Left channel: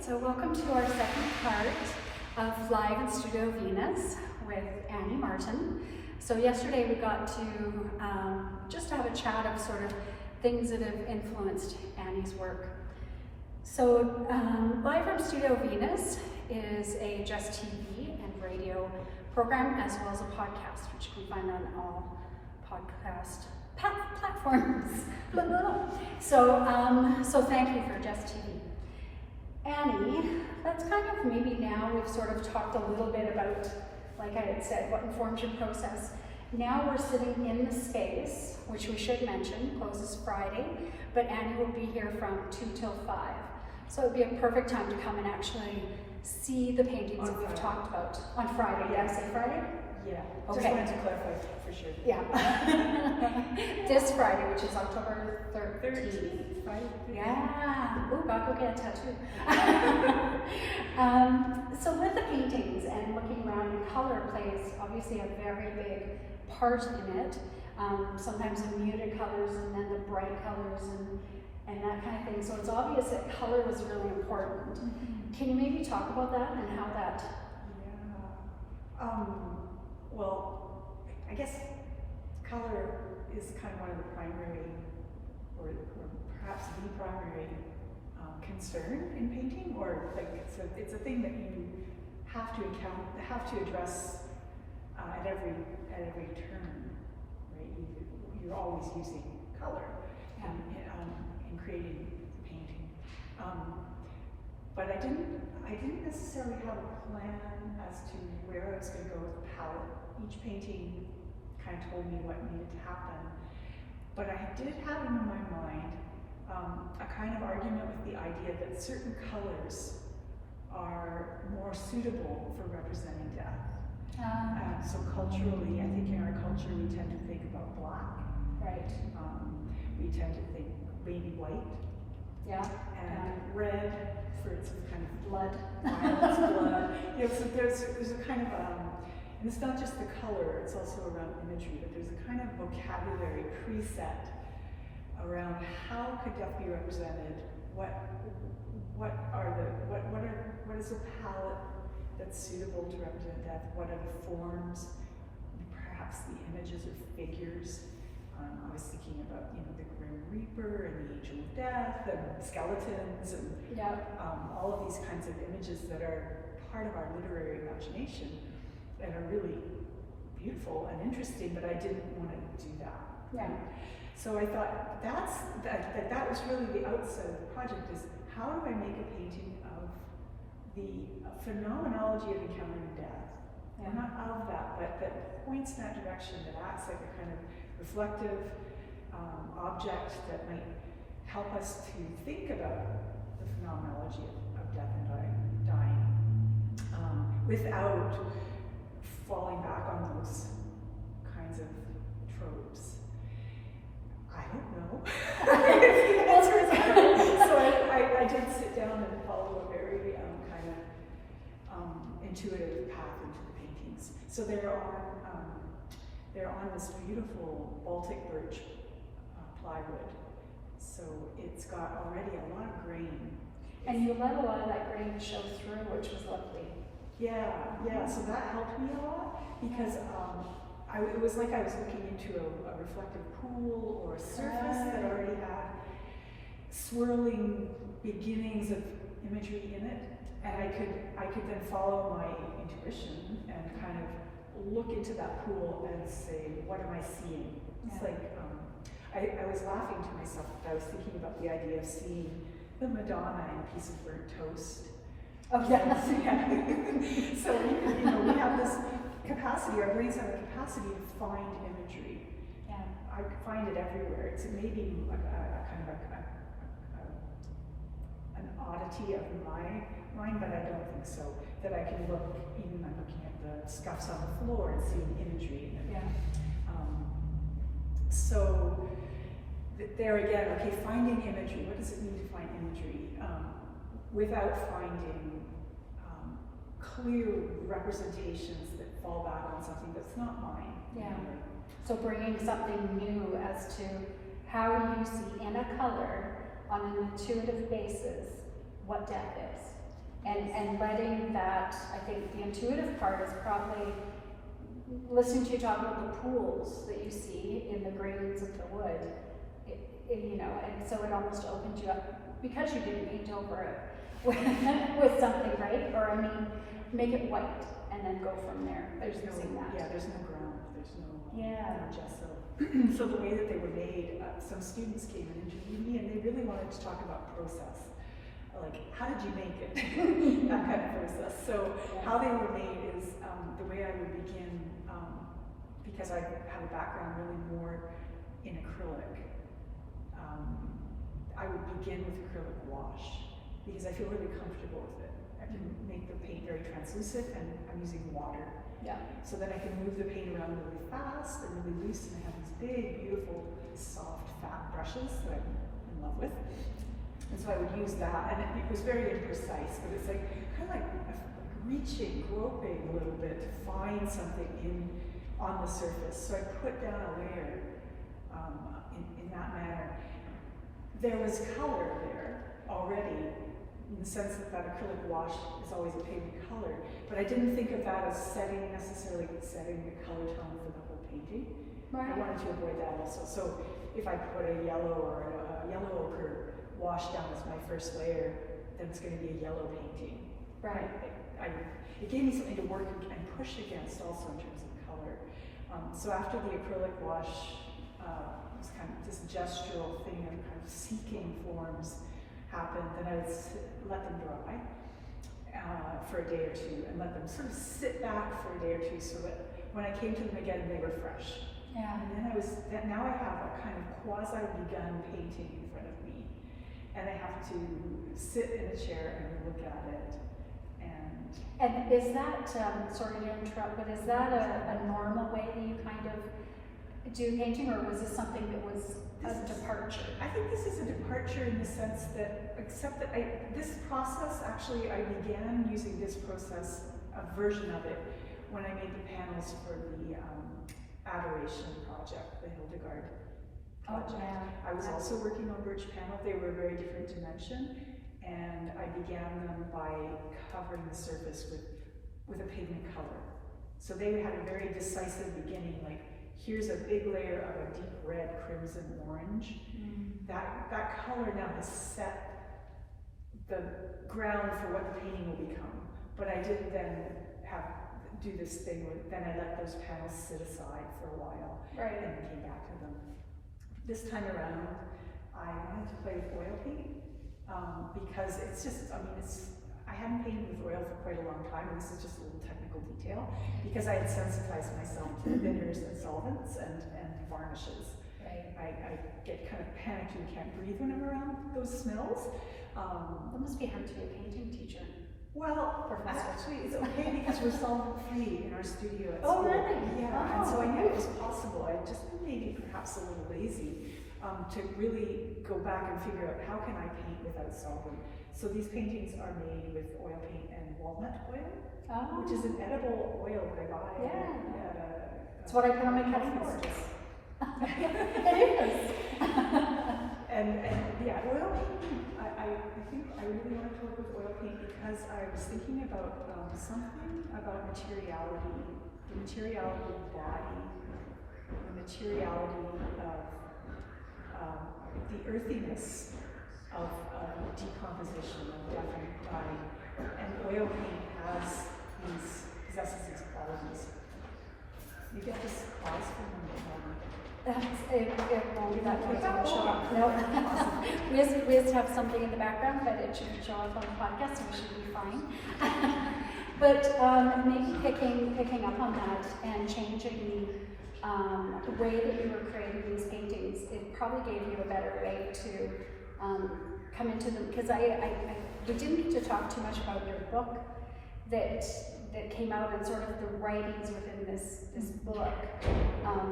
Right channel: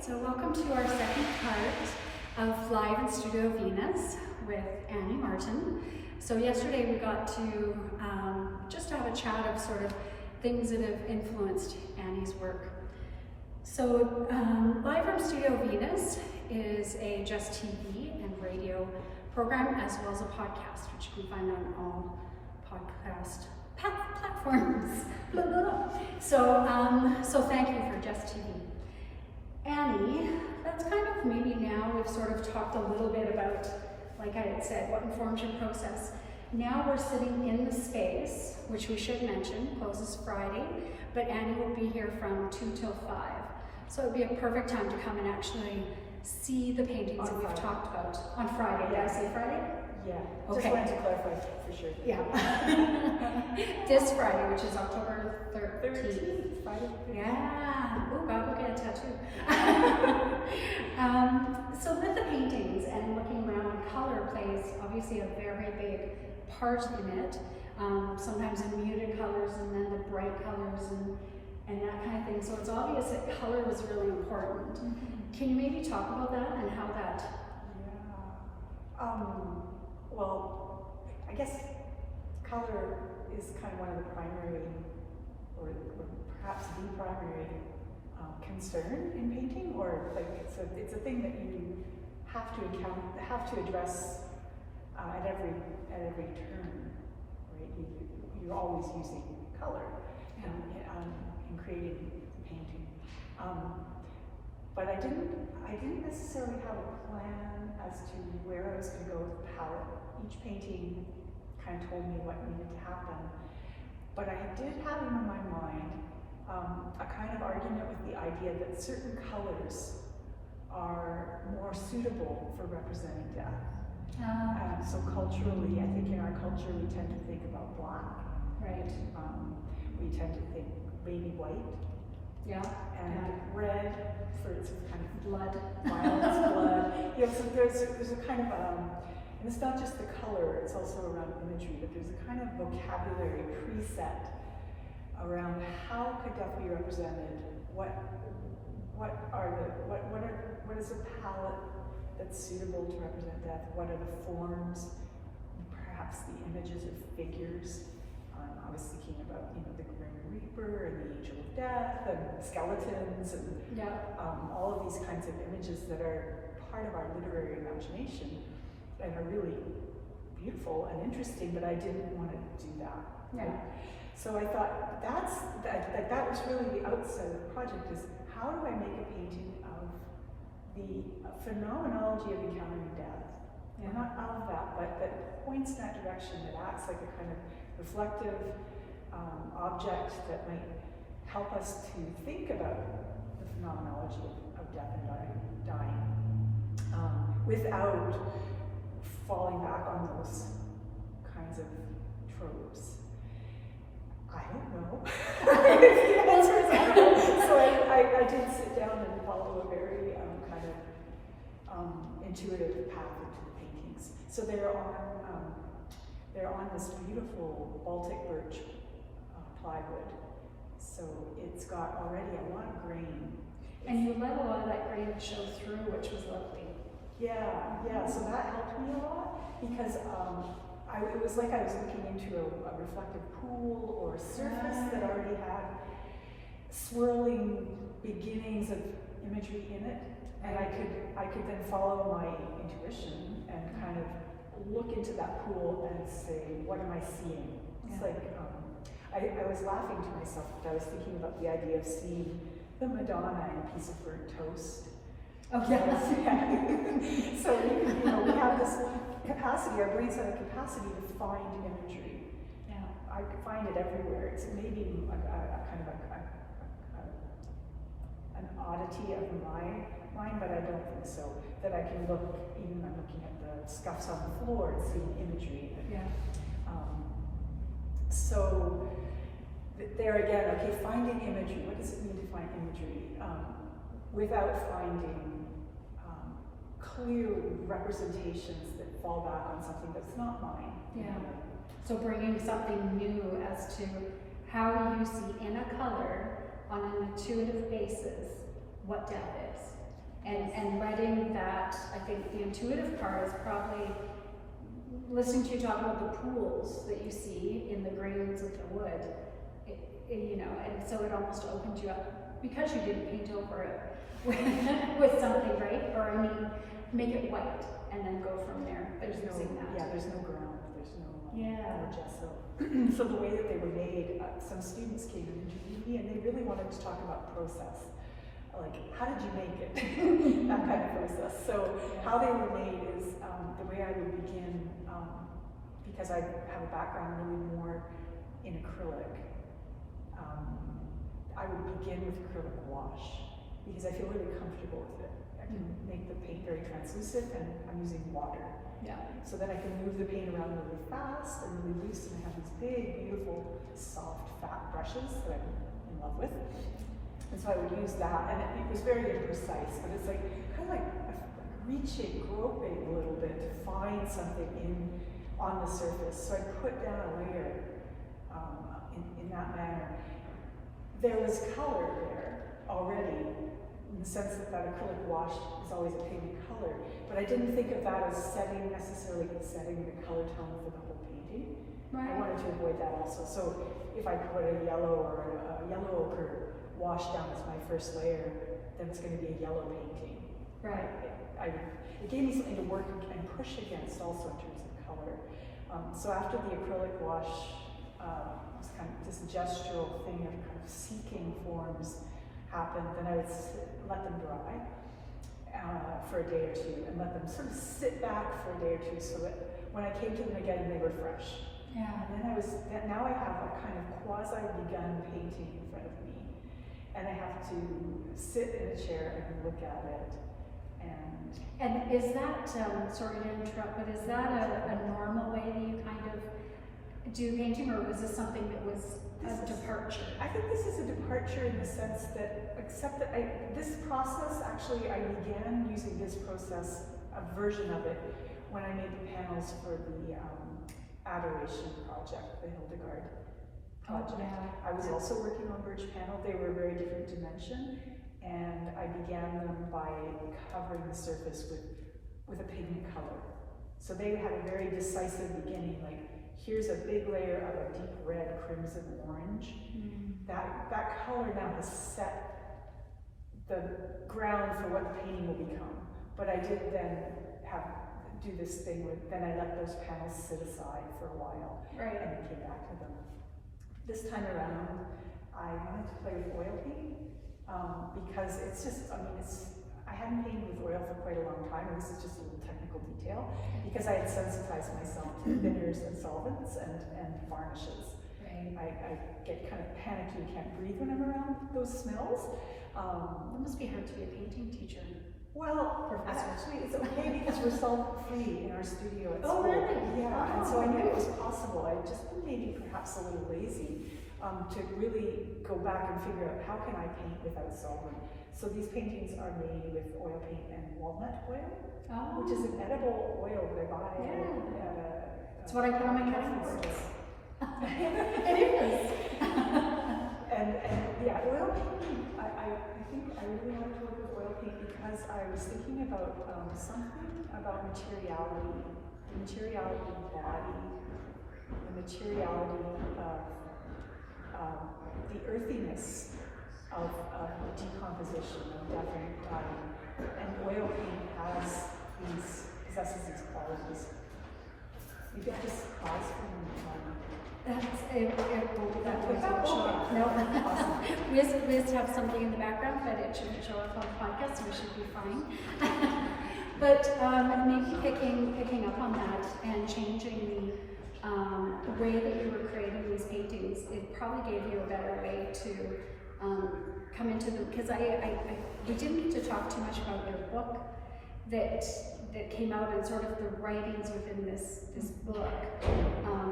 So welcome to our second part of Live in Studio Venus with Annie Martin. So yesterday we got to just have a chat of sort of things that have influenced Annie's work. So Live from Studio Venus is a Just TV and radio program as well as a podcast, which you can find on all podcast platforms. So thank you for Just TV. Annie, that's kind of maybe now we've sort of talked a little bit about, like I had said, what informs your process. Now we're sitting in the space, which we should mention, closes Friday, but Annie will be here from 2 till 5. So it'd be a perfect time to come and actually see the paintings that we've talked about on Friday. Did I say Friday? Yeah, okay. Just wanted to clarify for sure. Yeah. This Friday, which is October 13th. Friday? Yeah. Oh, God, go get a tattoo. So with the paintings and looking around, and color plays obviously a very big part in it. Sometimes in muted colors and then the bright colors and that kind of thing. So it's obvious that color was really important. Mm-hmm. Can you maybe talk about that and how that? Yeah. Well, I guess color is kind of one of the primary, or perhaps the primary concern in painting, or like it's a thing that you have to address at every turn. Right? You're always using color in creating the painting. But I didn't necessarily have a plan as to where I was going to go with the palette. Each painting kind of told me what needed to happen. But I did have in my mind a kind of argument with the idea that certain colors are more suitable for representing death. So culturally, I think in our culture we tend to think about black. Right. We tend to think baby white. Yeah. And red for its kind of blood. Violence, blood. Yeah, so there's a kind of, and it's not just the color, it's also around imagery, but there's a kind of vocabulary preset around how could death be represented, what is a palette that's suitable to represent death, what are the forms, perhaps the images of figures. I was thinking about, the Grim Reaper and the Angel of Death and skeletons and all of these kinds of images that are part of our literary imagination and are really beautiful and interesting, but I didn't want to do that. Yeah. So I thought that was really the outset of the project, is how do I make a painting of the phenomenology of encountering death? And not of that, but that points in that direction, that acts like a kind of reflective object that might help us to think about the phenomenology of death and dying without falling back on those kinds of tropes. I don't know. So I did sit down and follow a very kind of intuitive path into the paintings. So they're on this beautiful Baltic birch plywood. So it's got already a lot of grain. And you let a lot of that grain show through, which was lovely. Yeah. So that helped me a lot because it was like I was looking into a reflective pool or a surface that already had swirling beginnings of imagery in it, and I could then follow my intuition and kind of look into that pool and say, what am I seeing? It's like I was laughing to myself because I was thinking about the idea of seeing the Madonna in a piece of burnt toast. Oh yes. So we have this capacity, our brains have a capacity to find imagery. Yeah. I find it everywhere. It's maybe a kind of an oddity of my mind, but I don't think so. That I can look, even I'm looking at the scuffs on the floor and seeing imagery. So there again, okay, finding imagery. What does it mean to find imagery? Without finding clear representations that fall back on something that's not mine. Yeah. So bringing something new as to how you see in a color on an intuitive basis what death is. and letting that, I think the intuitive part is probably listening to you talk about the pools that you see in the grains of the wood, you know, and so it almost opens you up, because you didn't paint over it with something, right? Or I mean, make it white and then go from there. There's no, that. yeah, there's no ground, there's no, yeah. no gesso. So the way that they were made, some students came and interviewed me, and they really wanted to talk about process. Like, how did you make it? That kind of process. So how they were made is the way I would begin, because I have a background really more in acrylic. I would begin with acrylic wash because I feel really comfortable with it. I can make the paint very translucent, and I'm using water. Yeah. So then I can move the paint around really fast and really loose, and I have these big, beautiful, soft, fat brushes that I'm in love with. And so I would use that, and it was very imprecise, but it's like kind of like reaching, groping a little bit to find something on the surface. So I put down a layer in that manner. There was color there already, in the sense that acrylic wash is always a pink color, but I didn't think of that as necessarily setting the color tone for the whole painting. Right. I wanted to avoid that also. So if I put a yellow or a yellow ochre wash down as my first layer, then it's going to be a yellow painting. Right. It gave me something to work and push against also in terms of color. So after the acrylic wash, was kind of this gestural thing of kind of seeking forms happened, then I would let them dry for a day or two, and let them sort of sit back for a day or two, so that when I came to them again, they were fresh. Yeah. And then now I have a kind of quasi-begun painting in front of me, and I have to sit in a chair and look at it. And is that, sorry to interrupt, but is that a normal way that you kind of do painting, or was this something that was a departure? I think this is a departure in the sense that, except that this process, actually I began using this process, a version of it, when I made the panels for the Adoration project, the Hildegard project. Oh, yeah. I was also working on birch panel. They were a very different dimension, and I began them by covering the surface with a pigment color. So they had a very decisive beginning, like here's a big layer of a deep red, crimson, orange. That color now has set the ground for what the painting will become. But I did then do this thing where then I let those panels sit aside for a while, right, and then came back to them. This time around, I wanted to play with oil paint because it's just, I hadn't painted with oil for quite a long time, and this is just a little technical detail, because I had sensitized myself to thinners and solvents and varnishes. Right. I get kind of panicked, you can't breathe when I'm around those smells. It must be hard to be a painting teacher. Well, Professor. actually, it's okay because we're solvent-free in our studio at school. Oh, really? Yeah, and so I knew it was possible. I just maybe perhaps a little lazy to really go back and figure out how can I paint without solvent. So these paintings are made with oil paint and walnut oil, which is an edible oil that I buy. Yeah. It's what I put on my cutting boards. It is. and yeah, oil paint, I think I really want to work with oil paint because I was thinking about something about materiality, the materiality of the body, the materiality of the earthiness of decomposition of death and body. And oil paint possesses these qualities. You get this pause for a moment. It won't be that noise, it won't show up. No. we just have something in the background, but it shouldn't show up on the podcast, so we should be fine. But maybe picking up on that and changing the way that you were creating these paintings, it probably gave you a better way to come into them, because we didn't get to talk too much about your book that came out, and sort of the writings within this book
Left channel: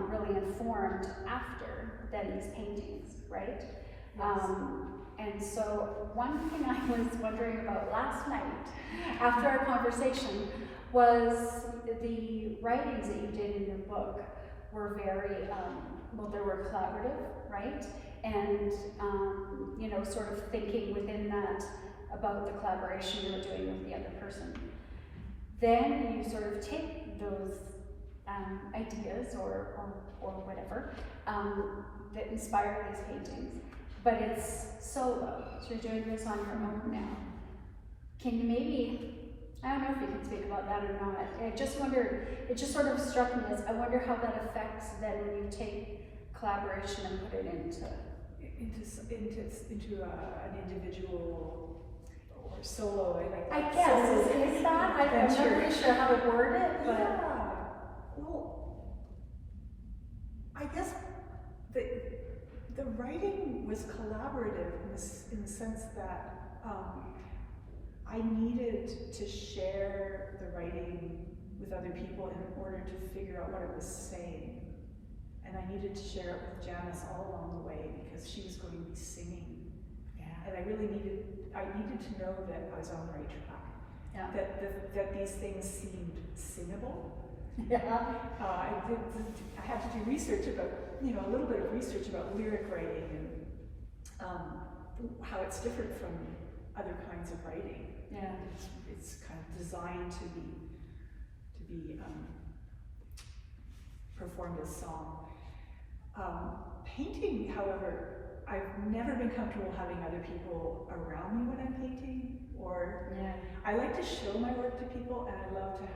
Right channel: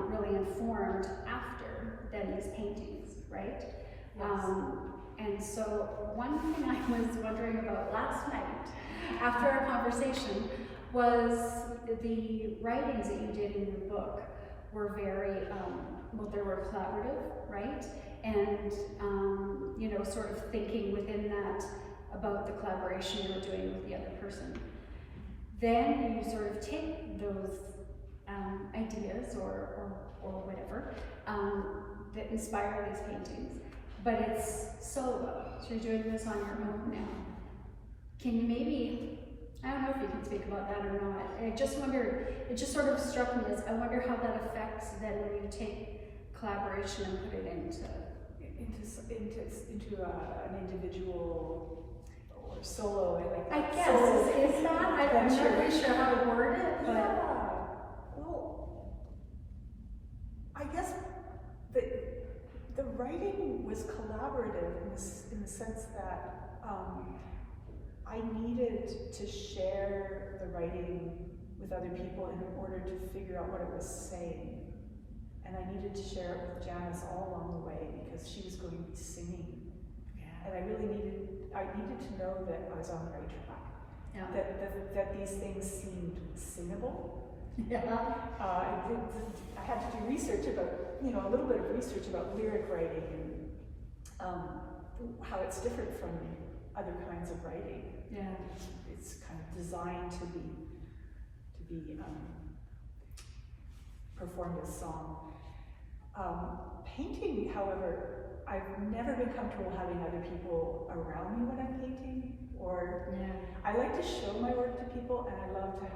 really informed after then these paintings, right? Yes. And so one thing I was wondering about last night after our conversation was the writings that you did in your book were very, they were collaborative, right? And, sort of thinking within that about the collaboration you were doing with the other person. Then you sort of take those ideas or whatever that inspire these paintings, but it's solo. So you're doing this on your own now. Can you maybe, I don't know if you can speak about that or not. I just wonder, it just sort of struck me as, I wonder how that affects then when you take collaboration and put it into an individual or solo. I guess is that? I'm not really sure how to word it, but yeah. Well, I guess the writing was collaborative in the sense that I needed to share the writing with other people in order to figure out what it was saying. And I needed to share it with Janice all along the way because she was going to be singing. Yeah. And I needed to know that I was on the right track. Yeah. That these things seemed singable. Yeah. I had to do research about, a little bit of research about lyric writing and how it's different from other kinds of writing. Yeah. It's kind of designed to be performed as song. Painting, however, I've never been comfortable having other people around me when I'm painting, I like to show my work to people, and I love to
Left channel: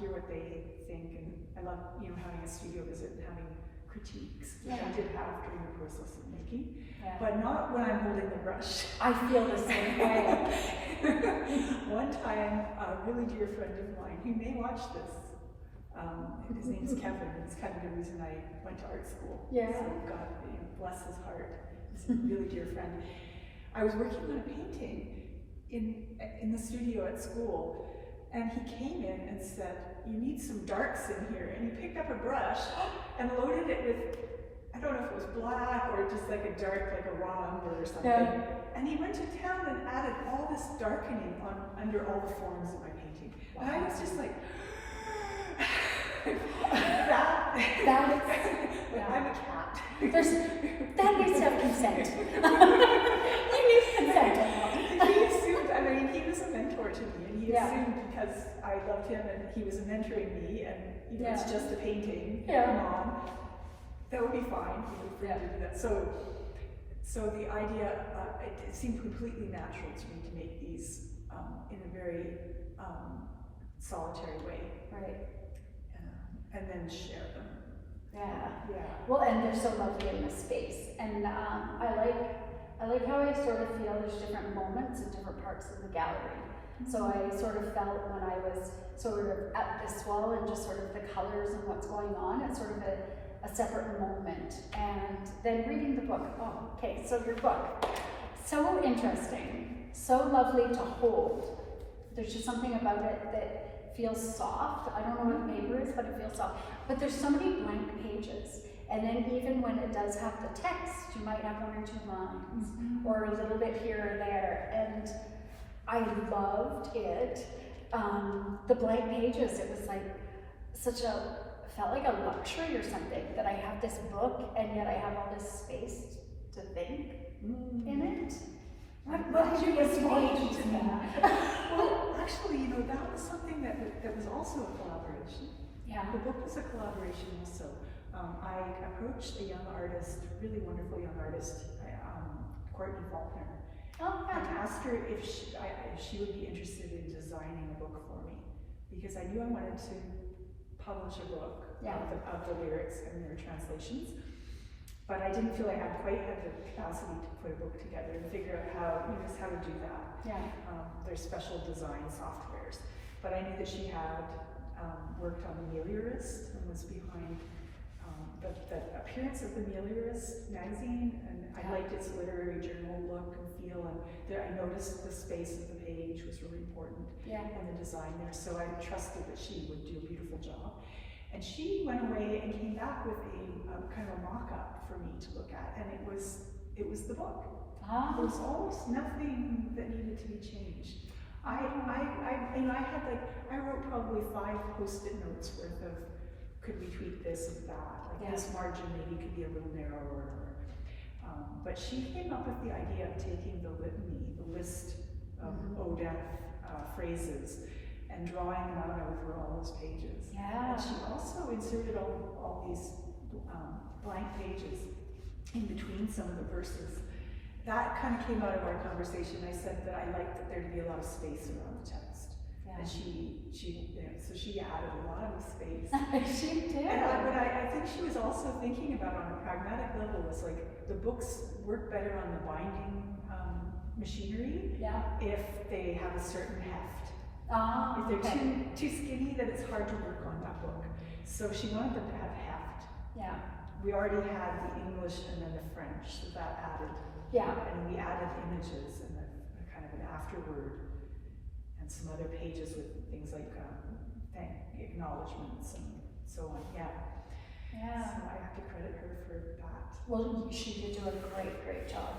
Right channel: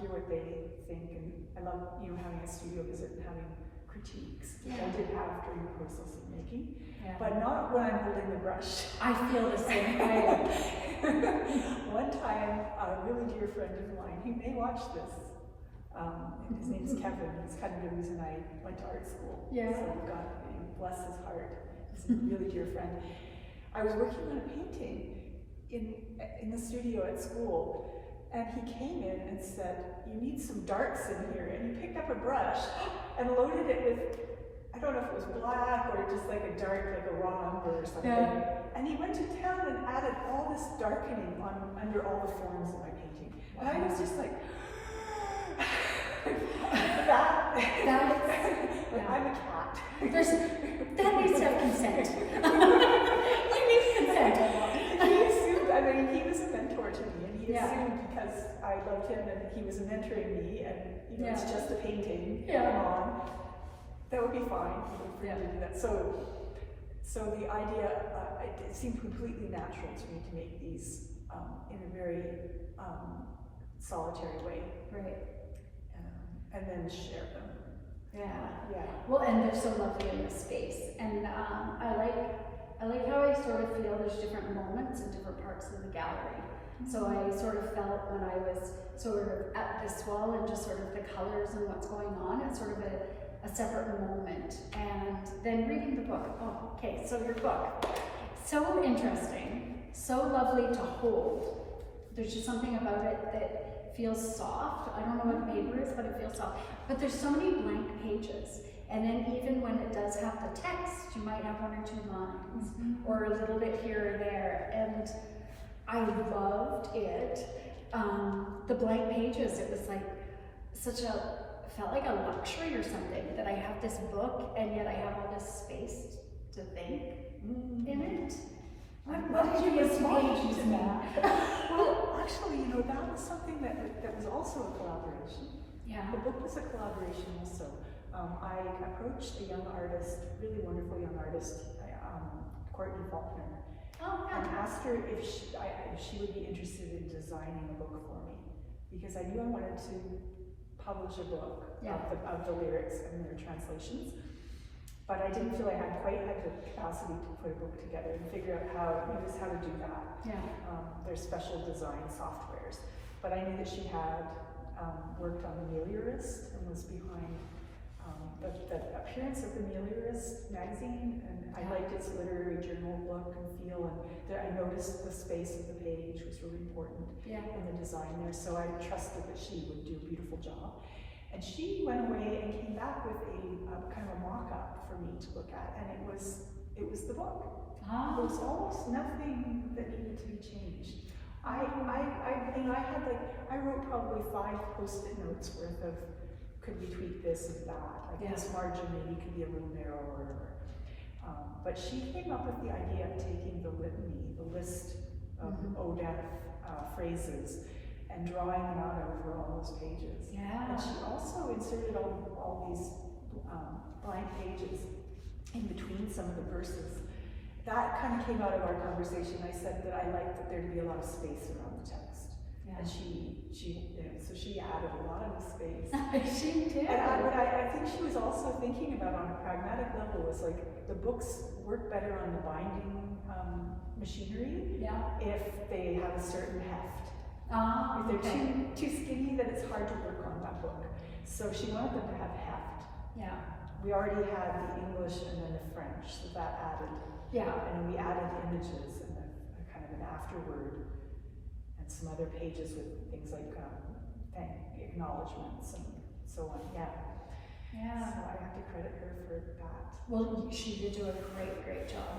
hear what they think, and I love having a studio visit and having critiques, which I did have during the process of making, but not when I'm holding the brush. I feel the same way. One time, a really dear friend of mine, he may watch this, his name's Kevin. It's kind of the reason I went to art school. Yeah. So God, bless his heart. He's a really dear friend. I was working on a painting in the studio at school, and he came in and said, "You need some darks in here." And he picked up a brush and loaded it with, I don't know if it was black or just like a dark, like a raw umber or something. Yeah. And he went to town and added all this darkening under all the forms of my painting. Wow. And I was just like, I'm a cat. That needs to have consent. You need consent. He assumed, he was a mentor to me, and he assumed because I loved him and he was mentoring me, and it's just a painting, come on, that would be fine for him to do that. So the idea, it seemed completely natural to me to make these in a very solitary way. Right. And then share them. Yeah. Well, and they're so lovely in the space, and I like how I sort of feel there's different moments in different parts of the gallery. So I sort of felt when I was sort of at this wall and just sort of the colors and what's going on, it's sort of a separate moment. And then reading the book. Oh, okay. So your book, so interesting, so lovely to hold. There's just something about it that feels soft. I don't know what the paper is, but it feels soft. But there's so many blank pages. And then even when it does have the text, you might have one or two lines, or a little bit here or there. And I loved it. The blank pages, it was like felt like a luxury or something, that I have this book and yet I have all this space to think in it. What did you respond to that? Well, actually, that was something that was also a collaboration. Yeah. The book was a collaboration also. I approached a young artist, really wonderful young artist, Courtney Faulkner, and asked her if she would be interested in designing a book for me, because I knew I wanted to publish a book of the lyrics and their translations. But I didn't feel I had quite the capacity to put a book together and figure out how to do that. Yeah. There's special design softwares. But I knew that she had worked on The Meliorist and was behind the appearance of The Meliorist magazine, and I liked its literary journal look and feel, and I noticed the space of the page was really important, and the design there, so I trusted that she would do a beautiful job. And she went away and came back with a kind of a mock-up for me to look at, and it was the book. There was almost nothing that needed to be changed. I wrote probably 5 post-it notes worth of, could we tweak this and that, like this margin maybe could be a little narrower. But she came up with the idea of taking the litany, the list ODEF phrases and drawing them out over all those pages. Yeah. And she also inserted all these blank pages in between some of the verses. That kind of came out of our conversation. I said that I liked that there to be a lot of space around the text. Yeah. And so she added a lot of space. She did. And what I think she was also thinking about on a pragmatic level was like the books work better on the binding machinery if they have a certain heft. If they're too skinny, then it's hard to work on that book. So she wanted them to have heft. Yeah. We already had the English and then the French, so that added. Yeah. And then we added images and a kind of an afterword and some other pages with things like acknowledgements and so on. Yeah. Yeah. So I have to credit her for that. Well, she did do a great job.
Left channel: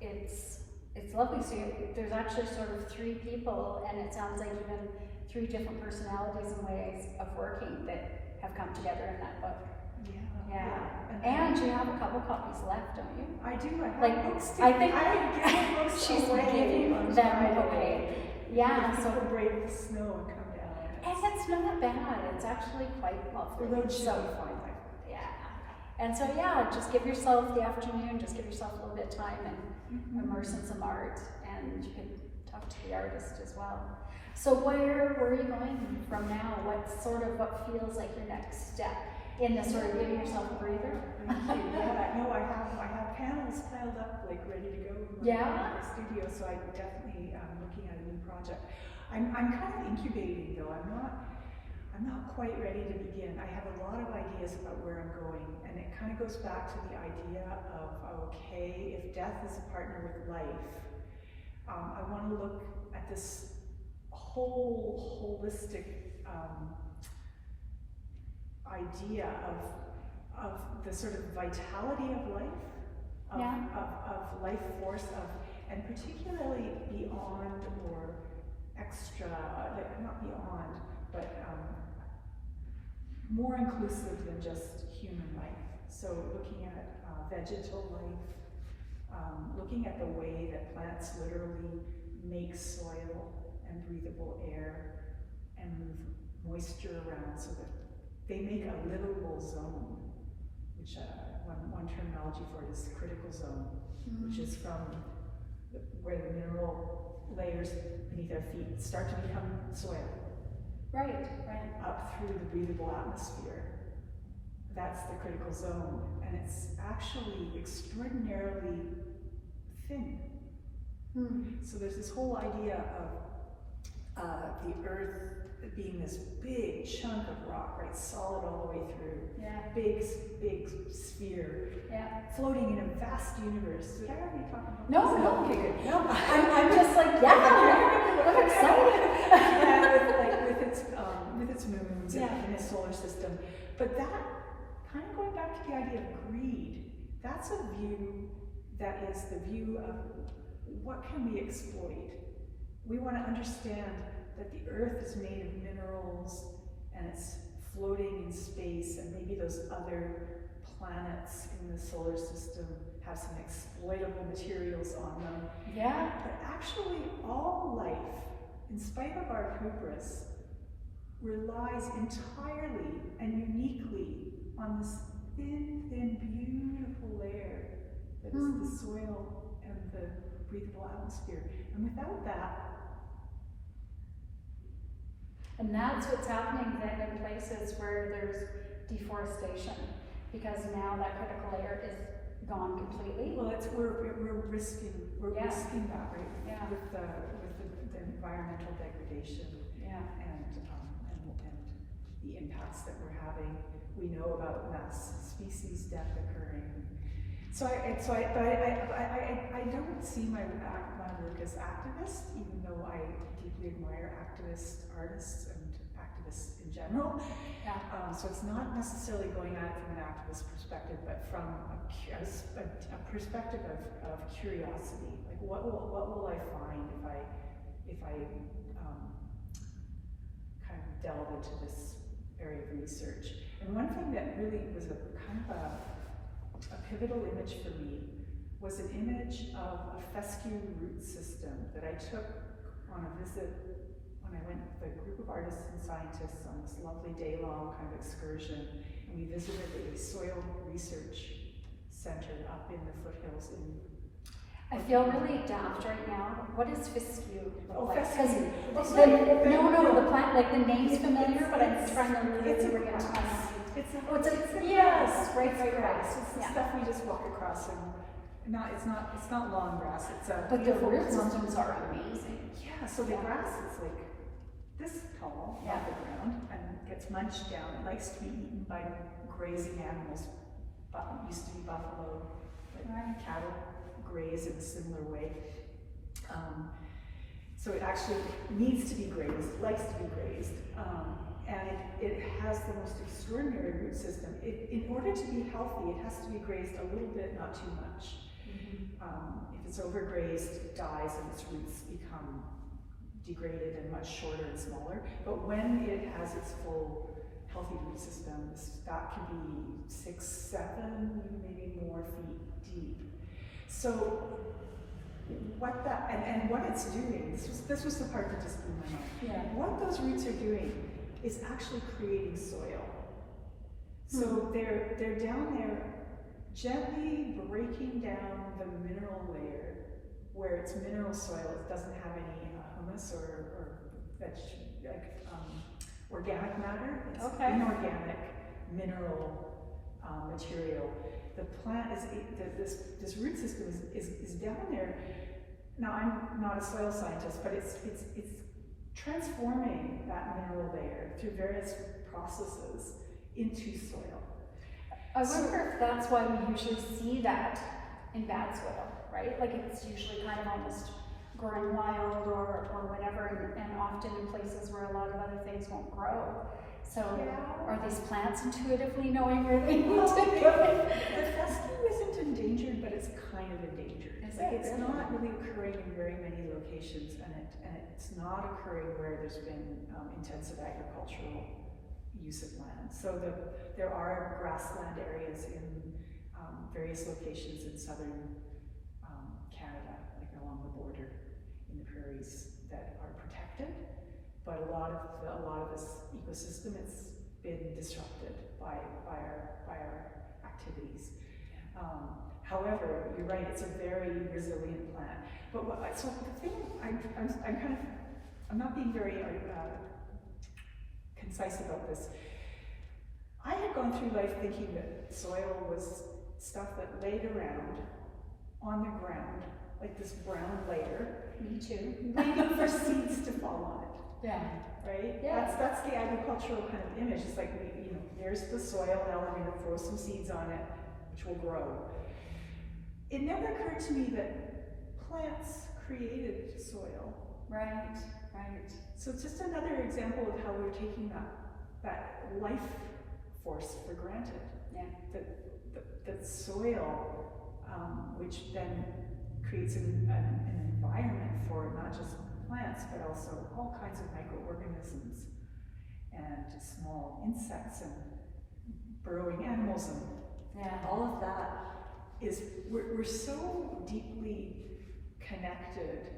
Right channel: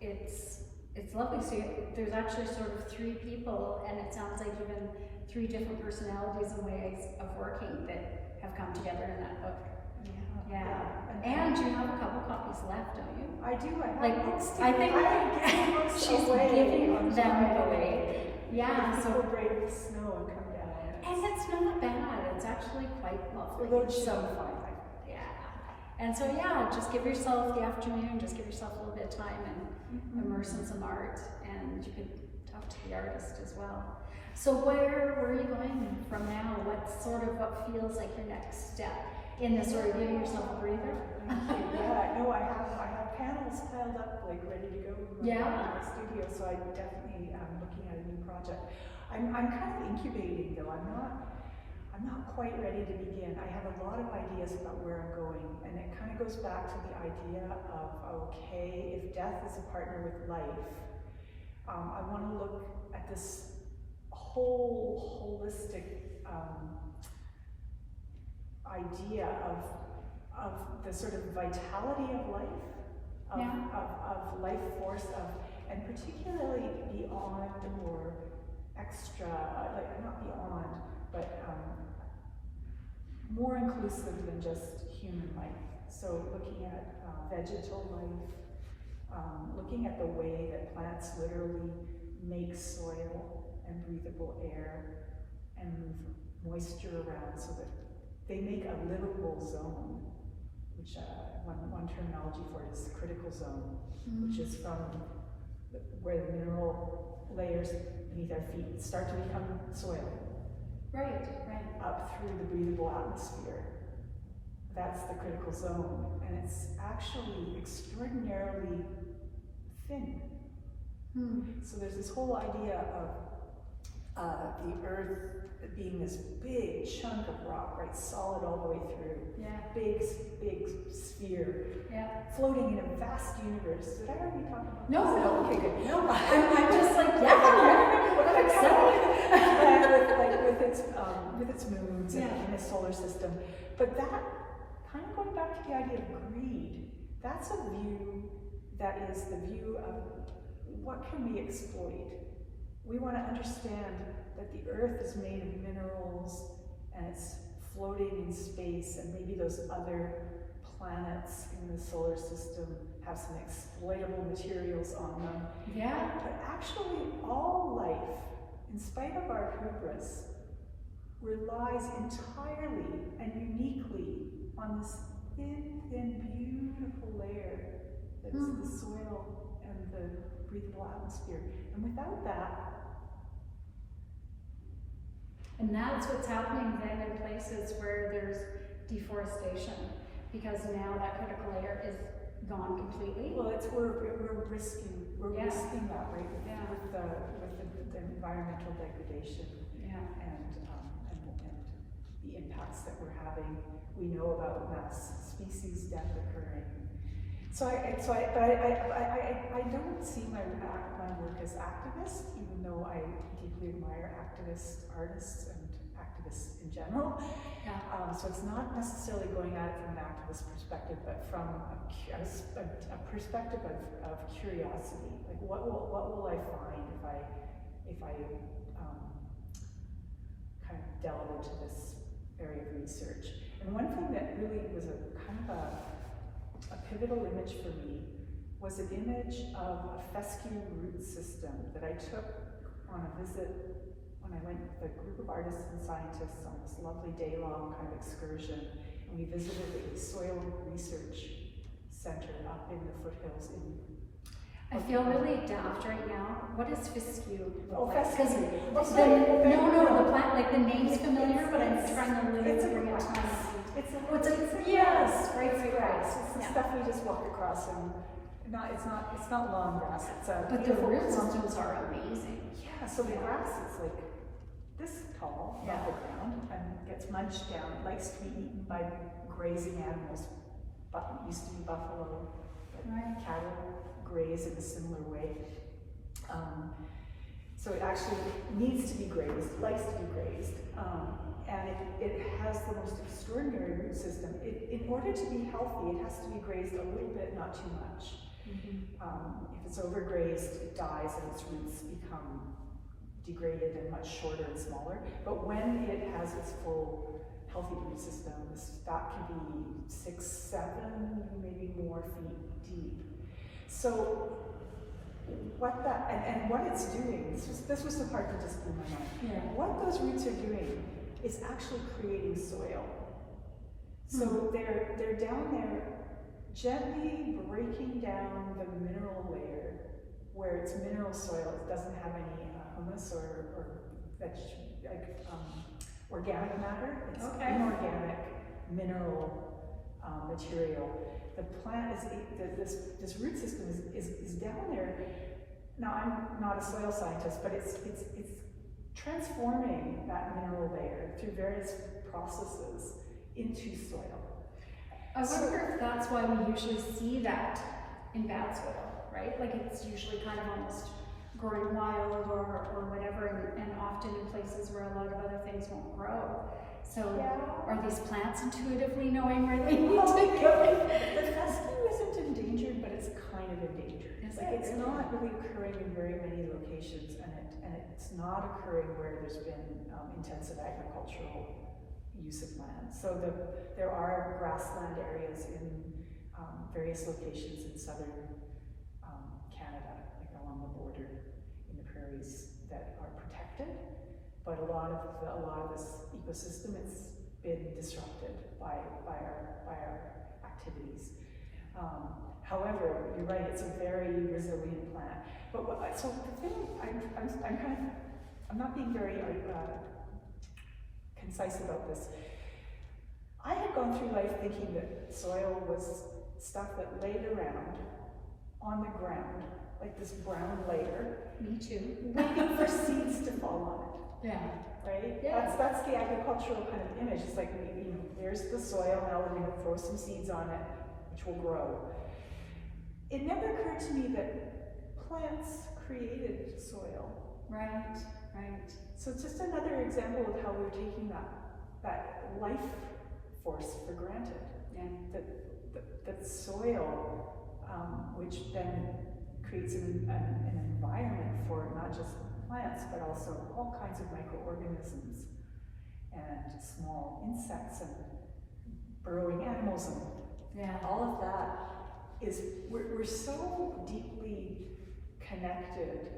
It's lovely. So there's actually sort of three people, and it sounds like even three different personalities and ways of working that have come together in that book. Yeah. And you have a couple copies left, don't you? I do. I have like, books. I think she's giving them away. Yeah. So people brave the snow and come down. And it's not bad. It's actually quite lovely. The road should be fine. Yeah. And so just give yourself the afternoon. Just give yourself a little bit of time and immerse in some art. And you can talk to the artist as well. So where are you going from now? What feels like your next step in this sort of giving yourself a breather? Thank you. No, I have panels piled up, like ready to go in my studio. So I definitely am looking at a new project. I'm kind of incubating though. I'm not quite ready to begin. I have a lot of ideas about where I'm going, and it kind of goes back to the idea of if death is a partner with life, I want to look at this whole holistic idea of the sort of vitality of life, of life force, and particularly beyond or extra, like not beyond, but more inclusive than just human life. So looking at vegetal life, looking at the way that plants literally make soil and breathable air and move moisture around so that they make a livable zone, which one terminology for it is critical zone, which is from where the mineral layers beneath our feet start to become soil. Right. Up through the breathable atmosphere. That's the critical zone, and it's actually extraordinarily thin. So there's this whole idea of the earth being this big chunk of rock, right, solid all the way through. Yeah. Big sphere. Yeah. Floating in a vast universe. Did I already talk about this? No. Okay, good. No, I'm just like, I'm excited. with its moons in the solar system. But that, kind of going back to the idea of greed, that's a view that is the view of what can we exploit. We want to understand that the earth is made of minerals and it's floating in space, and maybe those other planets in the solar system have some exploitable materials on them. Yeah. But actually all life, in spite of our hubris, relies entirely and uniquely on this thin, beautiful layer that is the soil and the breathable atmosphere. And without that, and that's what's happening then in places where there's deforestation, because now that critical layer is gone completely. Well, we're risking that, right? Yeah. With the environmental degradation. Yeah. And the impacts that we're having. We know about mass species death occurring. So I don't see my work as activist, even though I deeply admire activist artists and activists in general. Yeah. So it's not necessarily going at it from an activist perspective, but from a perspective of curiosity. Like, what will I find if I kind of delve into this area of research? And one thing that really was a kind of a pivotal image for me was an image of a fescue root system that I took on a visit when I went with a group of artists and scientists on this lovely day-long kind of excursion. And we visited a soil research center up in the foothills in I feel really daft right now. What is fescue look like? fescue. The plant, like the name's familiar, but I'm trying to really bring it to my mind. It's a yes, right. It's the stuff we just walk across, and it's not long grass. It's a But the root systems are amazing. Yeah, so the grass is like this tall off the ground and gets munched down. It likes to be eaten by grazing animals. But it used to be buffalo, but cattle graze in a similar way. So it actually needs to be grazed, likes to be grazed, and it has the most extraordinary root system. In order to be healthy, it has to be grazed a little bit, not too much. If it's overgrazed, it dies and its roots become degraded and much shorter and smaller. But when it has its full healthy root system, that can be 6, 7, maybe more feet deep. So what that, and what it's doing, this was the part that just blew my mind. Yeah. What those roots are doing is actually creating soil. So they're down there gently breaking down the mineral layer where it's mineral soil. It doesn't have any humus or organic matter. It's inorganic mineral material. The plant is this root system is down there. Now I'm not a soil scientist, but it's transforming that mineral layer through various processes into soil. I wonder if that's why we usually see that in bad soil, right? Like it's usually kind of almost growing wild or whatever, and often in places where a lot of other things won't grow. So are these plants intuitively knowing where they need to go? The fescue isn't endangered, but it's kind of endangered. It's not really occurring in very many locations, and it's not occurring where there's been intensive agricultural use of land. So there are grassland areas in various locations in southern Canada, like along the border in the prairies, that are protected. But a lot of this ecosystem, it's been disrupted by our activities. However, you're right; it's a very resilient plant. But so the thing I'm not being very concise about this. I had gone through life thinking that soil was stuff that laid around on the ground, like this brown layer. Me too. Waiting for seeds to fall on it. Yeah. Right? Yeah. That's the agricultural kind of image. It's like, there's the soil, now we're going to throw some seeds on it, which will grow. It never occurred to me that plants created soil. Right. So it's just another example of how we're taking that life force for granted. Yeah. That soil, which then creates an environment for not just plants, but also all kinds of microorganisms and small insects and burrowing animals, and all of that is, we're so deeply connected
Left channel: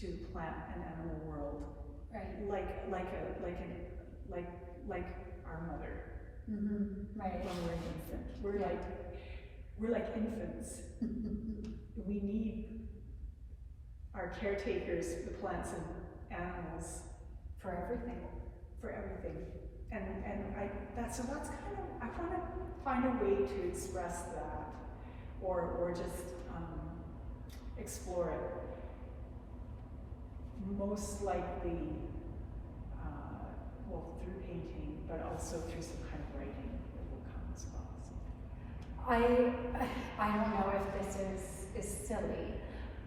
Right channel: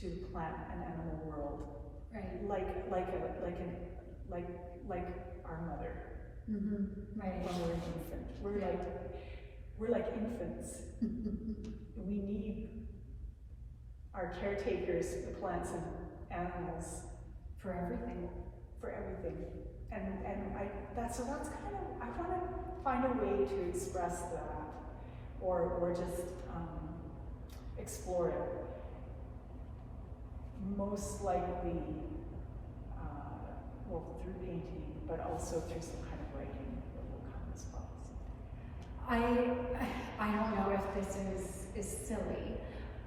to plant and animal world, Right. like our mother. Right. When we're an infant, we're like infants. We need our caretakers, the plants and animals, For everything. And that's kind of, I want to find a way to express that, or just explore it. Most likely, through painting, but also through some kind of writing that will come as well. I don't know if this is silly,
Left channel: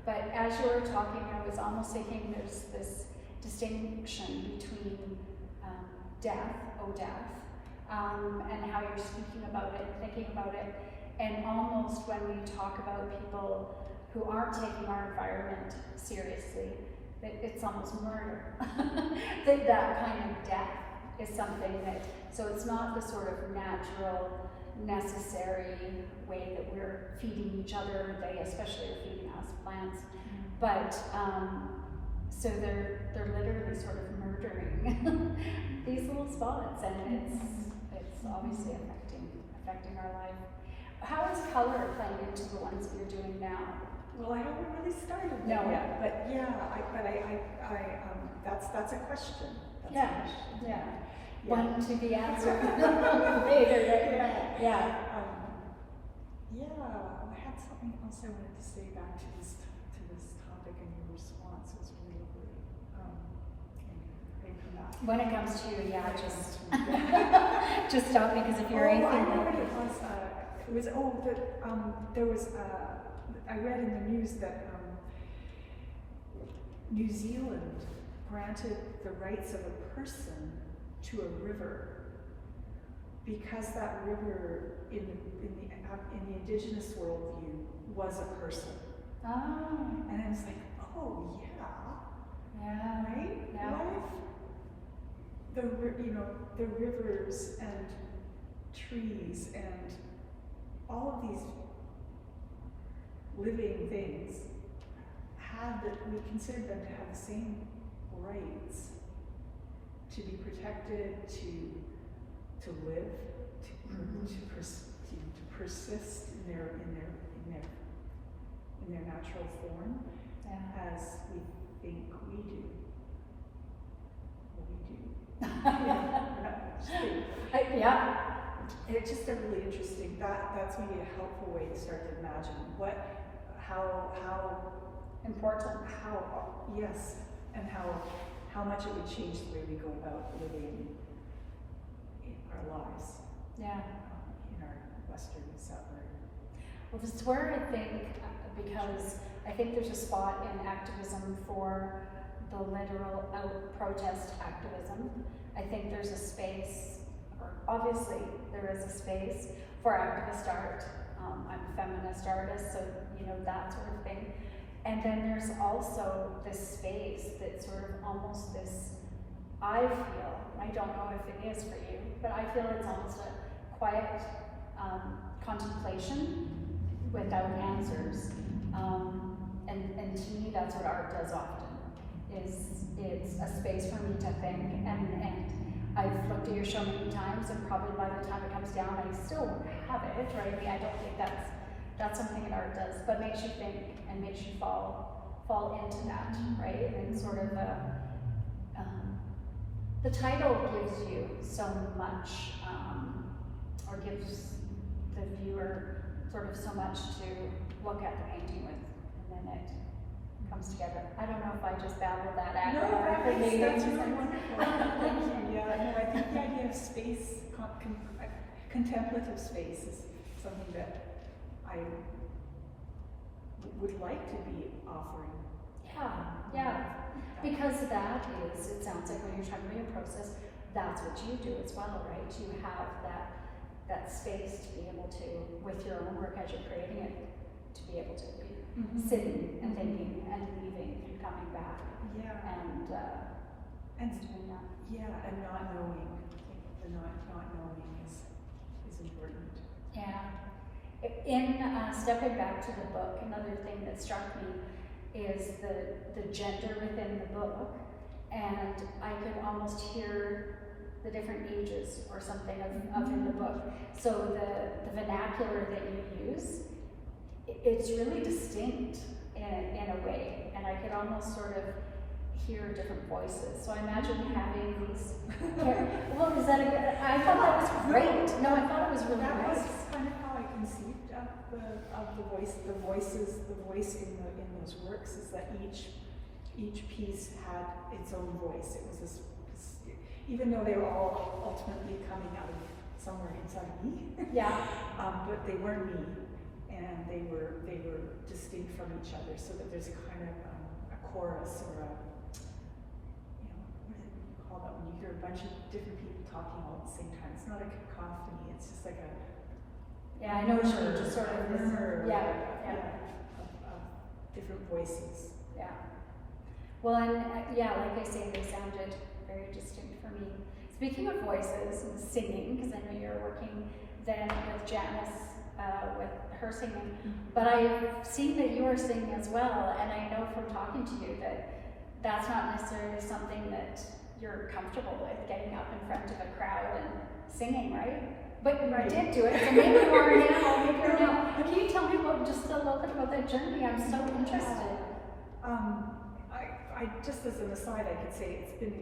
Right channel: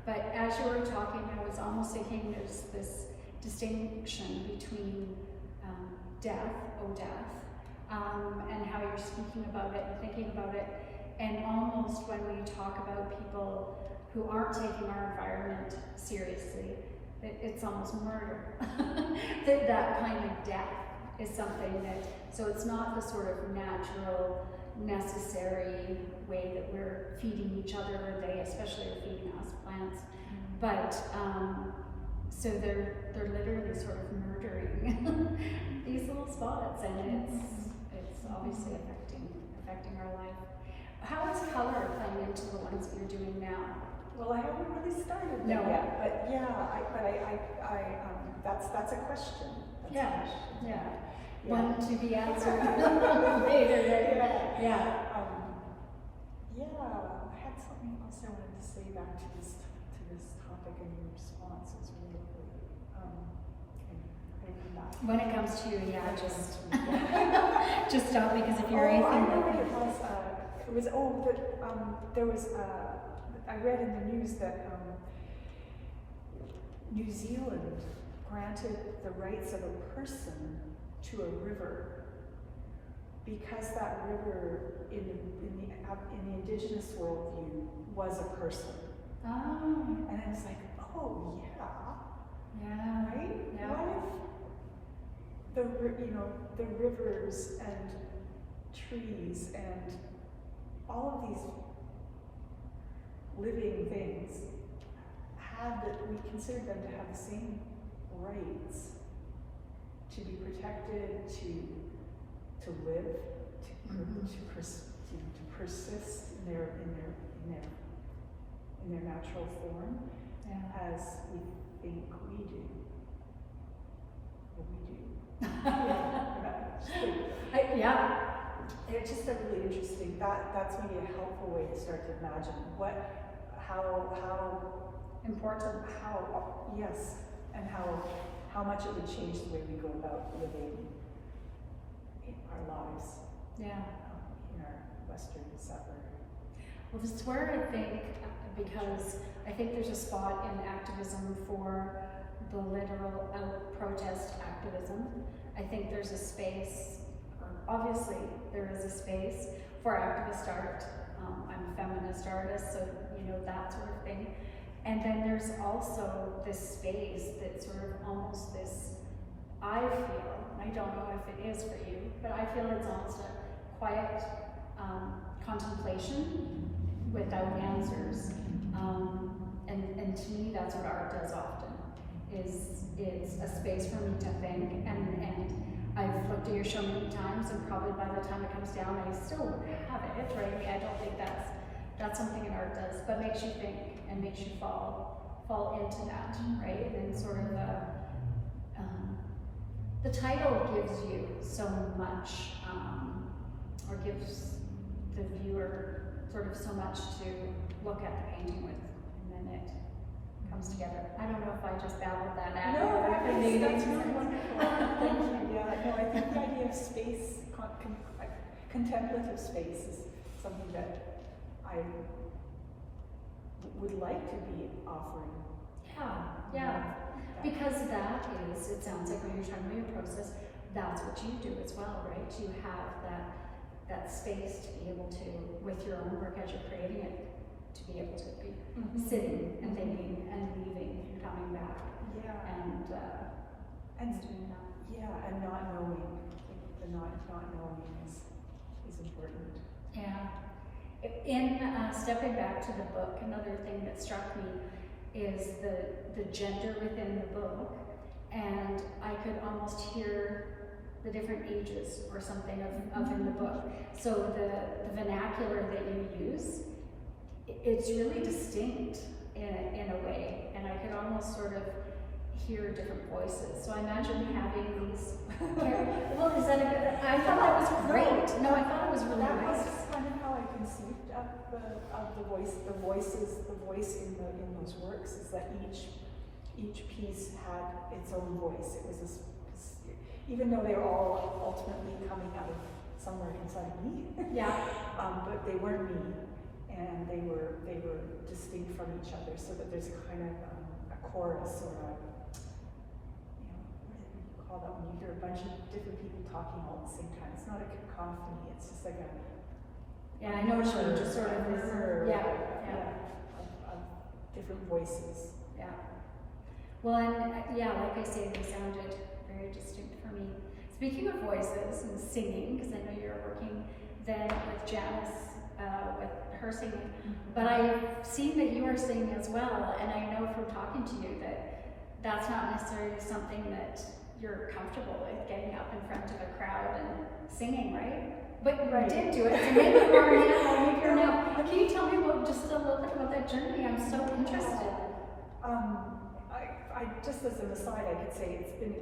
but as you were talking, I was almost thinking there's this distinction between death, and how you're speaking about it, thinking about it, and almost when we talk about people who aren't taking our environment seriously, that it's almost murder. that kind of death is something that, so it's not the sort of natural necessary way that we're feeding each other. They especially are feeding us plants. But so they're literally sort of murdering these little spots, and it's obviously affecting our life. How is color playing into the ones that you're doing now? Well, I haven't really started No. yet, but yeah, that's a question. That's Yeah, a question. yeah. Yeah. One to be answered later, right? Yeah. Yeah. I had something else I wanted to say back to this topic, and your response was really good. Maybe not. When it comes to you, yeah, just stop, because if you're anything I know like what it was. There was. I read in the news that New Zealand granted the rights of a person to a river because that river in the indigenous worldview was a person. Oh. And I was like, oh Yeah. right? Yeah. What if the rivers and trees and all of these living things we considered them to have the same rights to be protected, to live, to persist in their natural form, as we think we do. Yeah. It's just a really interesting. That's maybe a helpful way to start to imagine how Important. Yes, and how much it would change the way we go about living in our lives. Yeah. In our Western settler. Well, this is where I think, because I think there's a spot in activism for the literal protest activism. I think there's a space, or obviously there is a space for activist art. I'm a feminist artist, so that sort of thing. And then there's also this space that's sort of almost this, I feel, I don't know if it is for you, but I feel it's almost a quiet contemplation without answers. And to me, that's what art does often, is it's a space for me to think, and I've looked at your show many times, and probably by the time it comes down, I still won't have it, right? I don't think that's something an art does, but makes you think and makes you fall into that, right? And sort of the title gives you so much, or gives the viewer sort of so much to look at the painting with, and then it comes together. I don't know if I just babbled that out. No, that's really wonderful. Thank you. Yeah, I think the idea of space, contemplative space, is something that I would like to be offering. Yeah. Because that is, it sounds like when you're talking about your process, that's what you do as well, right? You have that space to be able to, with your own work as you're creating it, to be able to be sitting and thinking and leaving and coming back. Yeah. And doing that. Yeah, and not knowing. The not knowing is important. Yeah. In stepping back to the book, another thing that struck me is the gender within the book, and I could almost hear the different ages or something of in the book. So the vernacular that you use, it's really distinct in a way, and I could almost sort of hear different voices. So I imagine having these. Well, is that I thought that was great. No, I thought it was really nice. That's kind of how I conceived of the voice in those works, is that each piece had its own voice. It was this, even though they were all ultimately coming out of somewhere inside me. Yeah. But they weren't me, and they were distinct from each other. So that there's a kind of a chorus, or what do you call that when you hear a bunch of different people talking all at the same time? It's not a cacophony. It's just like a I know what you mean, just sort of this. Yeah. Of different voices. Yeah. Well, and like I say, they sounded very distinct for me. Speaking of voices and singing, because I know you're working than with Janice, with her singing. But I've seen that you are singing as well, and I know from talking to you that that's not necessarily something that you're comfortable with, getting up in front of a crowd and singing, right? But you did do it, so maybe you are now, maybe you're now. Can you tell me just a little bit about that journey? I'm so interested. I just as an aside, I could say it's been,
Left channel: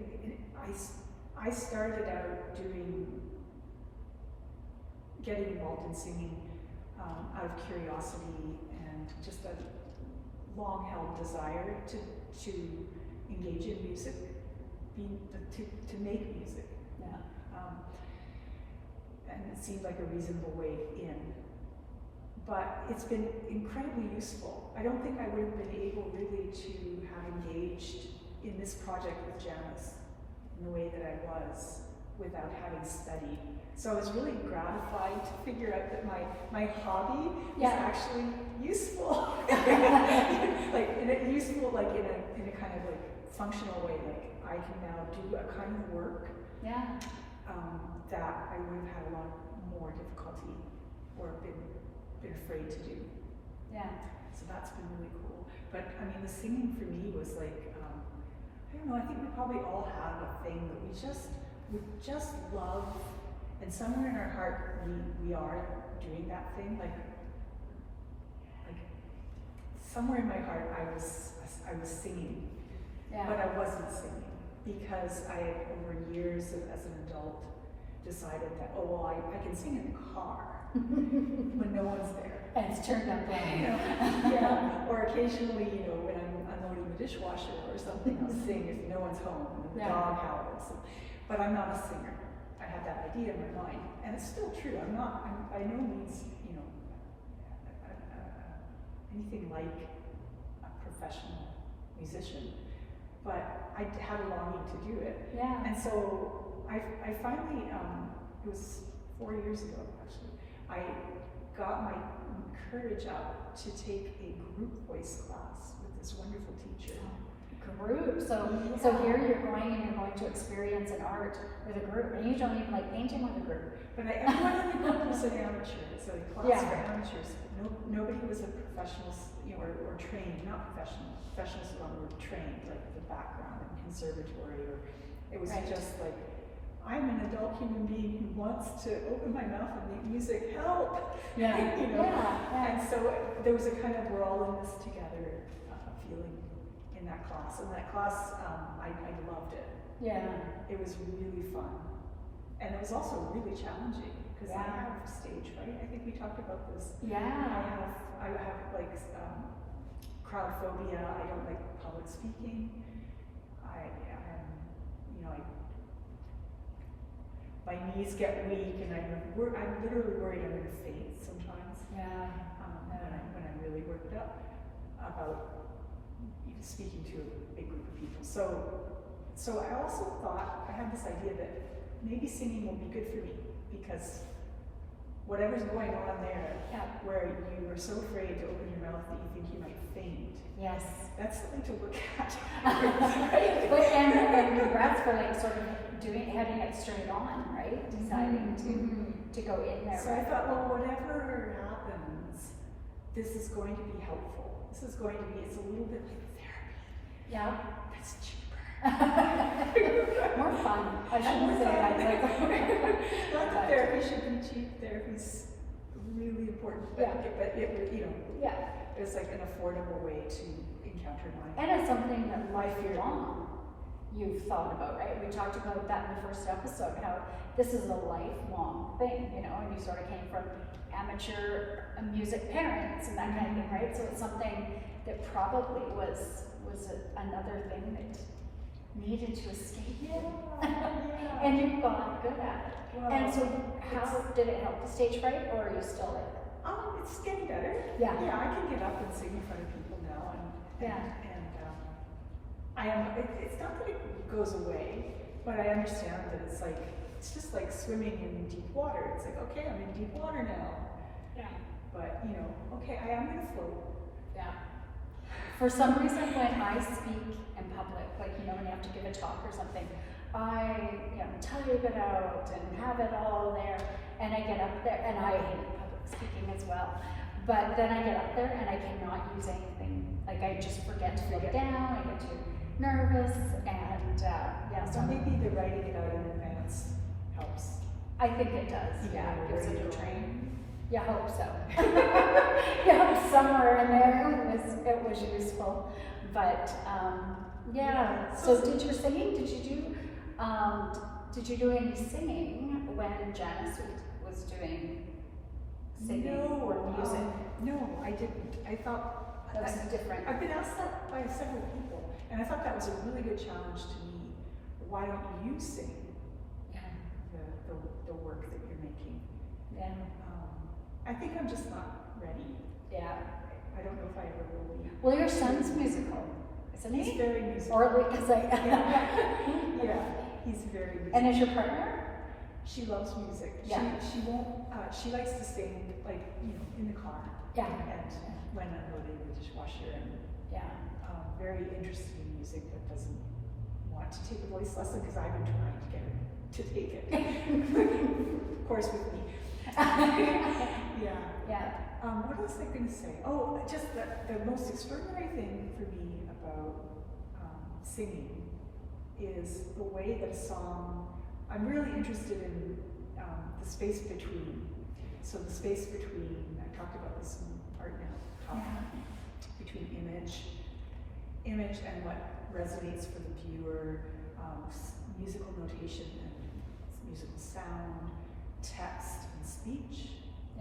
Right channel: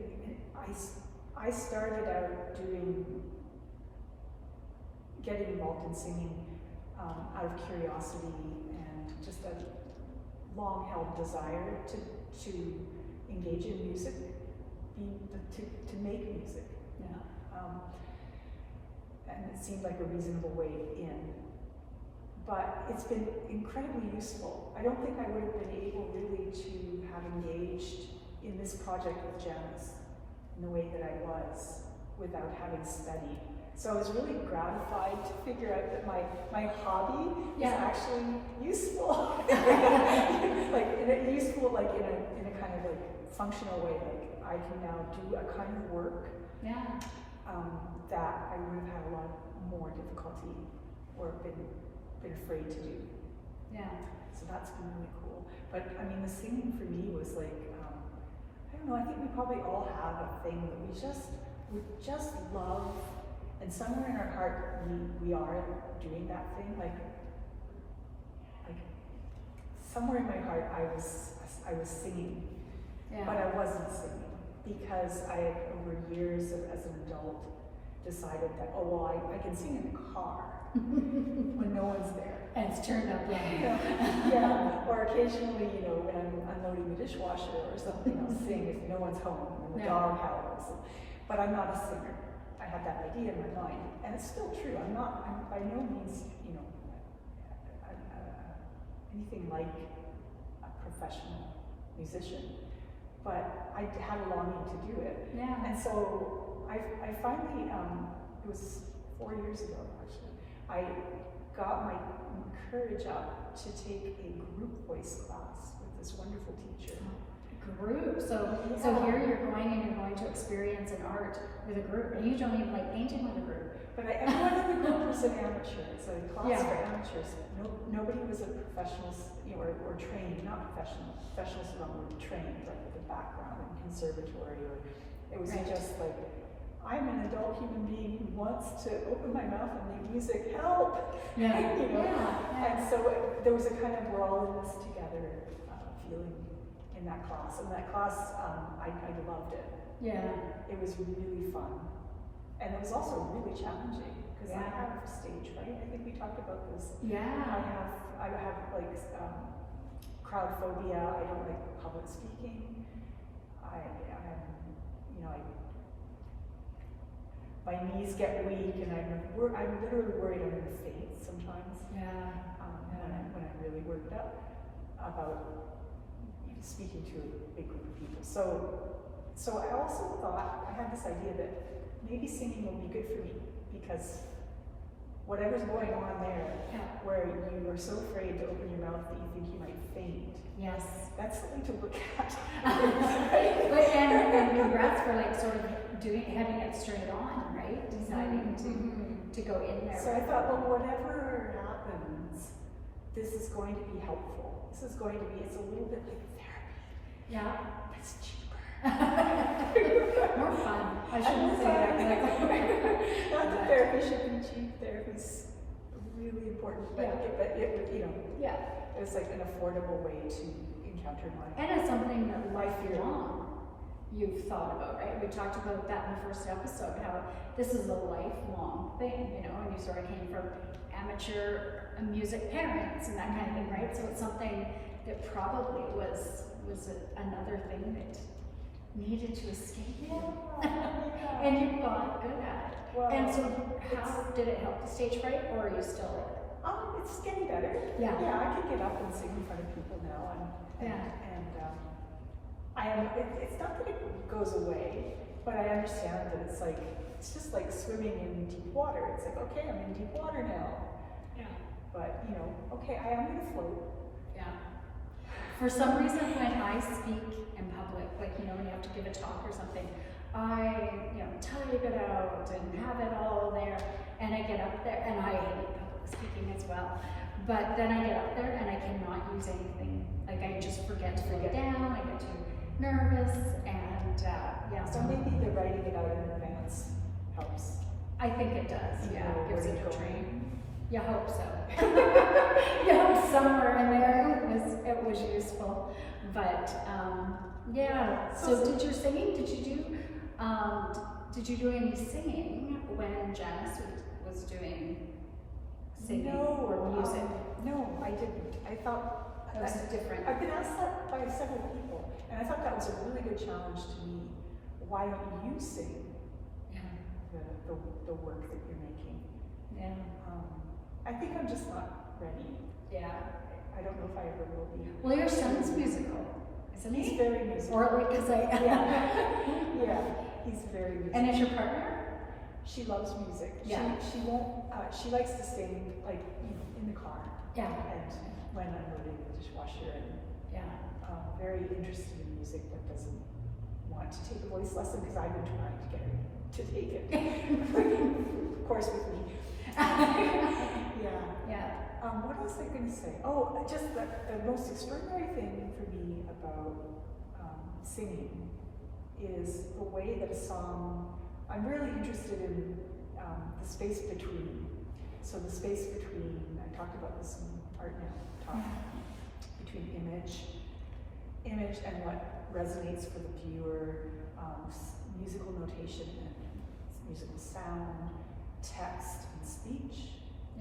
I started out getting involved in singing out of curiosity and just a long-held desire to engage in music, to make music. Yeah. And it seemed like a reasonable way in. But it's been incredibly useful. I don't think I would have been able really to have engaged in this project with Janice in the way that I was without having studied. So I was really gratified to figure out that my hobby is actually useful. Useful like in a kind of like functional way. Like I can now do a kind of work that I would have had a lot more difficulty or been afraid to do. Yeah. So that's been really cool. But I mean, the singing for me was like, I don't know, I think we probably all have a thing that we just love, and somewhere in our heart we are doing that thing. Like somewhere in my heart I was singing, but I wasn't singing because I had over years as an adult decided that, oh well, I can sing in the car when no one's there. And it's turned up right. Yeah, or occasionally, when I'm unloading the dishwasher or something, I'll sing if no one's home and the dog howls. But I'm not a singer. I had that idea in my mind, and it's still true. I'm by no means, anything like a professional musician, but I had a longing to do it. Yeah. And so I finally, it was 4 years ago actually, I got my courage up to take a group voice class with this wonderful teacher. Group. So here you're going to experience an art with a group, and you don't even like painting with a group. But everyone in the group was an amateur. It's a class for amateurs. Nobody was a professional, or trained. Not professional. Professionals were trained, like the background in conservatory, or it was just like, I'm an adult human being who wants to open my mouth and make music. Help! Yeah. And so there was a kind of we're all in this together feeling in that class. And that class, I loved it. Yeah. It was really fun. And it was also really challenging because I have stage fright. I think we talked about this. Yeah. I have like crowd phobia. I don't like public speaking. My knees get weak, and I'm literally worried I'm going to faint sometimes. Yeah. When I'm really worked up about speaking to a big group of people. So I also thought, I had this idea that maybe singing will be good for me, because whatever's going on there, where you are so afraid to open your mouth that you think you might faint. Yes. That's something to look at. But and congrats for like sort of heading it straight on, right? Deciding to go in there. So I thought, well, whatever happens, this is going to be helpful. This is going to be, it's a little bit like therapy. Yeah. It's cheaper. More fun. I shouldn't say that. Not that therapy should be cheap. Therapy's really important. But it was like an affordable way to encounter mine. And it's something that lifelong you've thought about, right? We talked about that in the first episode, how this is a lifelong thing, and you sort of came from amateur music parents and that kind of thing, right? So it's something that probably was another thing that needed to escape you, and you got good at it. Well, and so how did it help the stage fright, or are you still like that? It's getting better. Yeah, I can get up and sing in front of people now, it's not that it goes away, but I understand that it's just like swimming in deep water. It's like, okay, I'm in deep water now. Yeah. But okay, I am gonna float. Yeah. For some reason, when I speak in public, like when you have to give a talk or something, I, type it out and have it all there, and I get up there, and I hate public speaking as well, but then I get up there and I cannot use anything. Like, I just forget to look down, I get too nervous, and So maybe the writing it out in advance helps. I think it does, yeah, it gives it a train. You hope so. Somewhere in there it was useful, but yeah. So did your singing? Did you do any singing when Janice was doing singing or music? No, I didn't. I thought that was different. I've been asked that by several people, and I thought that was a really good challenge to me. Why don't you sing the work that you're making? Yeah. I think I'm just not ready. Yeah. I don't know if I ever will be. Well, your son's musical, isn't he? He's very musical. Or because yeah, he's very musical. And is your partner? She loves music. Yeah. She won't. She likes to sing, like, in the car. Yeah. And when unloading the dishwasher, and very interested in music, but doesn't want to take a voice lesson because I've been trying to get her to take it. Of course, with me. Yeah. What else was I going to say? Oh, just the most extraordinary thing for me about singing is the way that a song. I'm really interested in the space between. So the space between. I talked about this in art now. Between image and what resonates for the viewer, musical notation and musical sound, text and speech,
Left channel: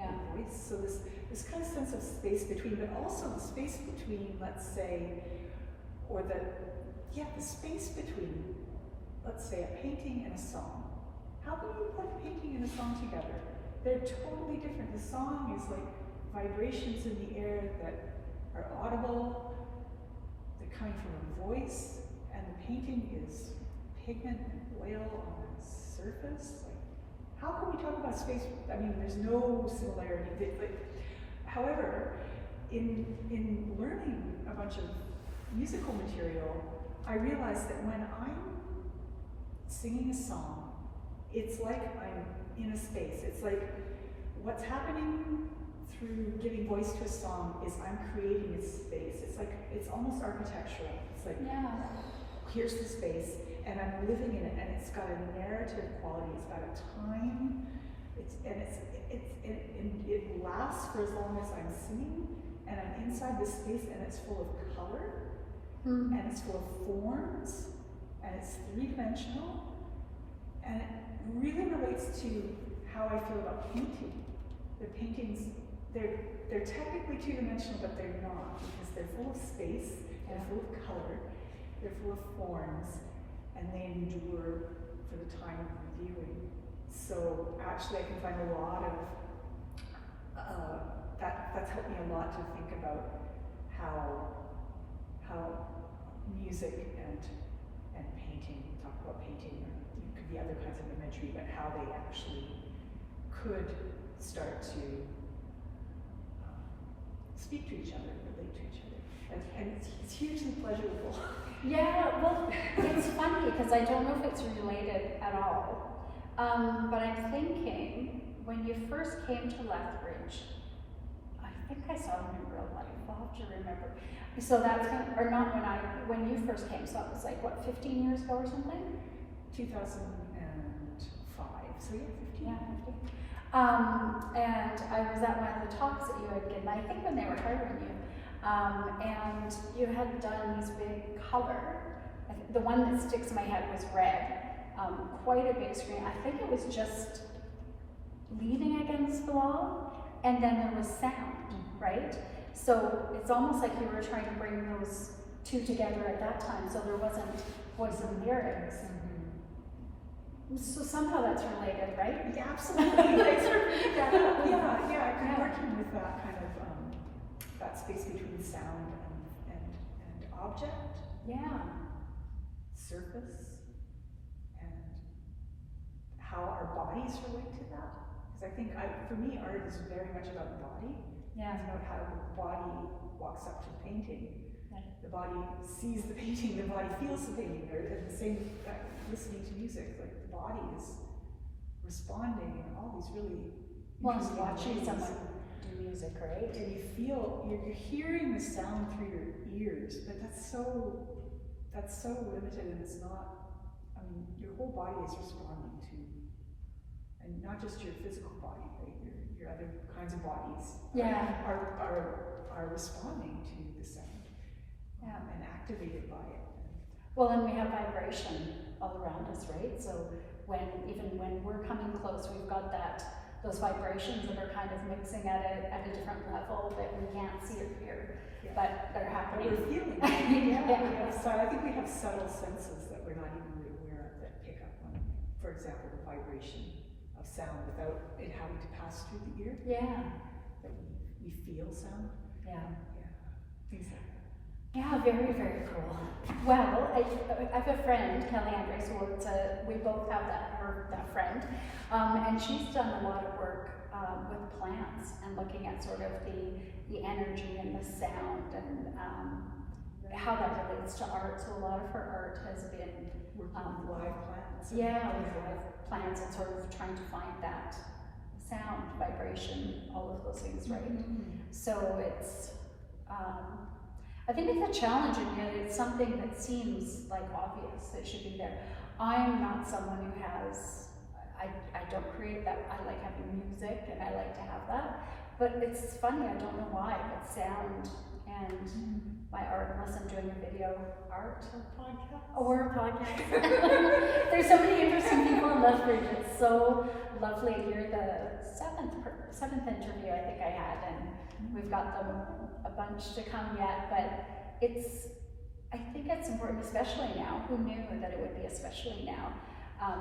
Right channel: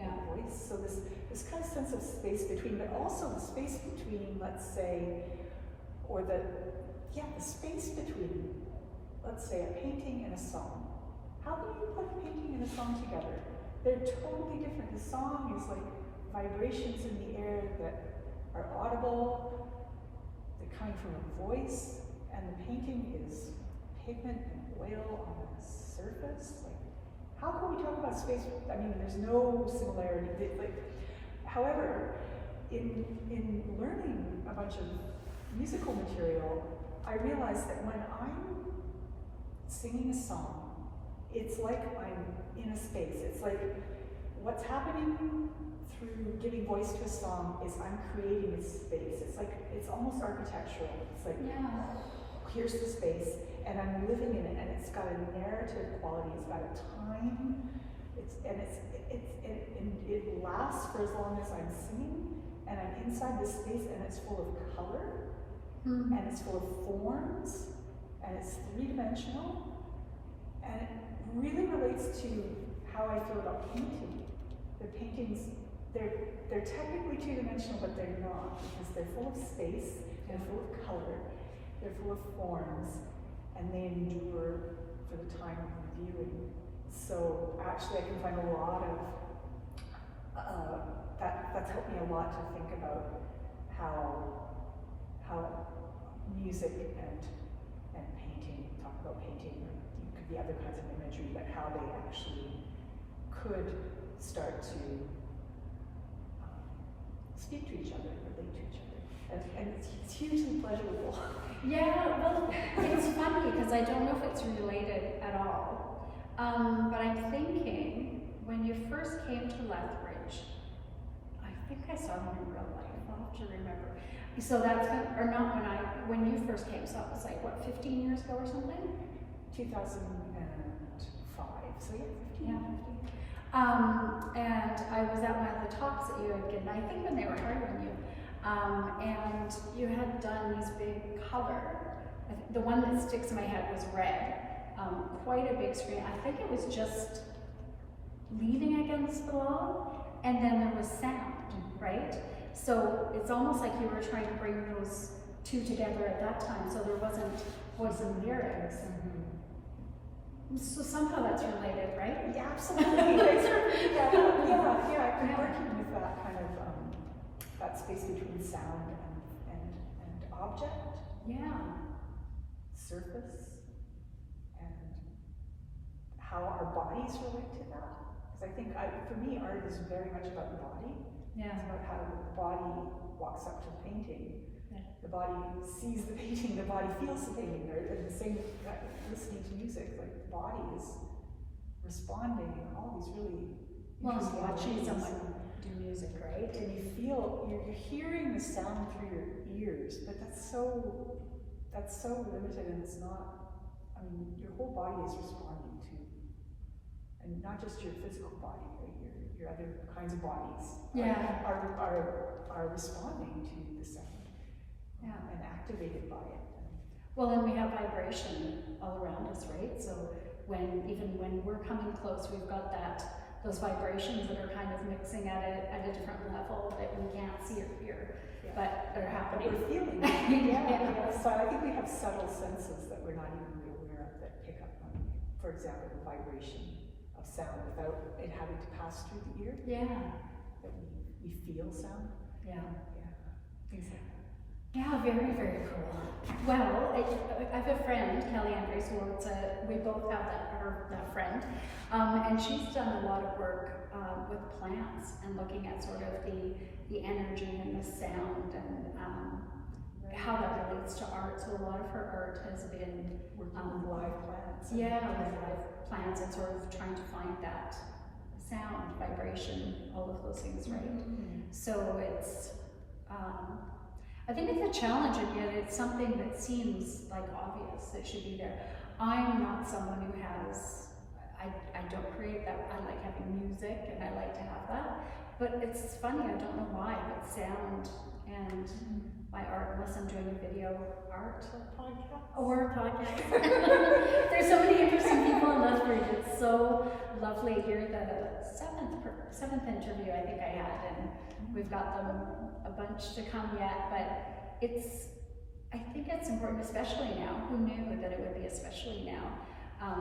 and voice. So this kind of sense of space between, but also the space between, let's say, or the space between, let's say, a painting and a song. How can you put a painting and a song together? They're totally different. The song is like vibrations in the air that are audible, that come from a voice, and the painting is pigment and oil on a surface. Like, how can we talk about space? I mean, there's no similarity. However, in learning a bunch of musical material, I realized that when I'm singing a song, it's like I'm in a space. It's like what's happening through giving voice to a song is I'm creating a space. It's almost architectural. It's like, here's the space, and I'm living in it, and it's got a narrative quality. It's got a time. It lasts for as long as I'm singing, and I'm inside this space, and it's full of color, and it's full of forms, and it's three-dimensional, and it really relates to how I feel about painting. The paintings, they're technically two-dimensional, but they're not, because they're full of space, they're full of color, they're full of forms, and they endure for the time of viewing. So actually I can find a lot of, that's helped me a lot to think about how music and painting, talk about painting, or it could be other kinds of imagery, but how they actually could start to speak to each other, relate to each other. And it's hugely pleasurable. Yeah, well, it's funny because I don't know if it's related at all. But I'm thinking, when you first came to Lethbridge, I think I saw you in real life. I'll have to remember. So that's or not when you first came. So it was like what, 15 years ago or something? 2005. So yeah, 15. And I was at one of the talks that you had given. I think when they were hiring you. And you had done these big color. The one that sticks in my head was red. Quite a big screen. I think it was just leaning against the wall, and then there was sound, right? So it's almost like you were trying to bring those two together at that time, so there wasn't voice and lyrics. So somehow that's related, right? Yeah, absolutely. I've been working with that kind of that space between sound and object. Yeah. Surface. And how our bodies relate to that. Because I think, for me, art is very much about the body. Yeah. It's about how the body walks up to the painting. Yeah. The body sees the painting, the body feels the painting, or the same, listening to music, like the body is responding in all these really interesting watching ways. someone do music, right? And you feel, you're hearing the sound through your ears, but that's so limited, and it's not, I mean, your whole body is responding to, and not just your physical body, right? Your other kinds of bodies are responding to the sound, and activated by it. Well, and we have vibration all around us, right? So even when we're coming close, we've got those vibrations that are kind of mixing at a different level that we can't see or hear, but they're happening. We're feeling. So I think we have subtle senses that we're not even really aware of that pick up on, for example, the vibration of sound without it having to pass through the ear. Yeah. That we feel sound. Yeah. Things like that. Yeah, very, very cool. Well, I have a friend, Kelly Andres, we both have that friend, and she's done a lot of work with plants and looking at sort of the energy and the sound and how that relates to art. So a lot of her art has been with live plants. with live plants and sort of trying to find that sound, vibration, all of those things, right? Mm-hmm. So it's, I think it's a challenge, and yet it's something that seems like obvious that should be there. I'm not someone who has, I don't create that. I like having music and I like to have that, but it's funny, I don't know why, but sound and my art, unless I'm doing a video art or a podcast. There's so many interesting people in Lethbridge. It's so lovely here. The seventh interview I think I had, and we've got them a bunch to come yet, but I think it's important, especially now. Who knew that it would be especially now,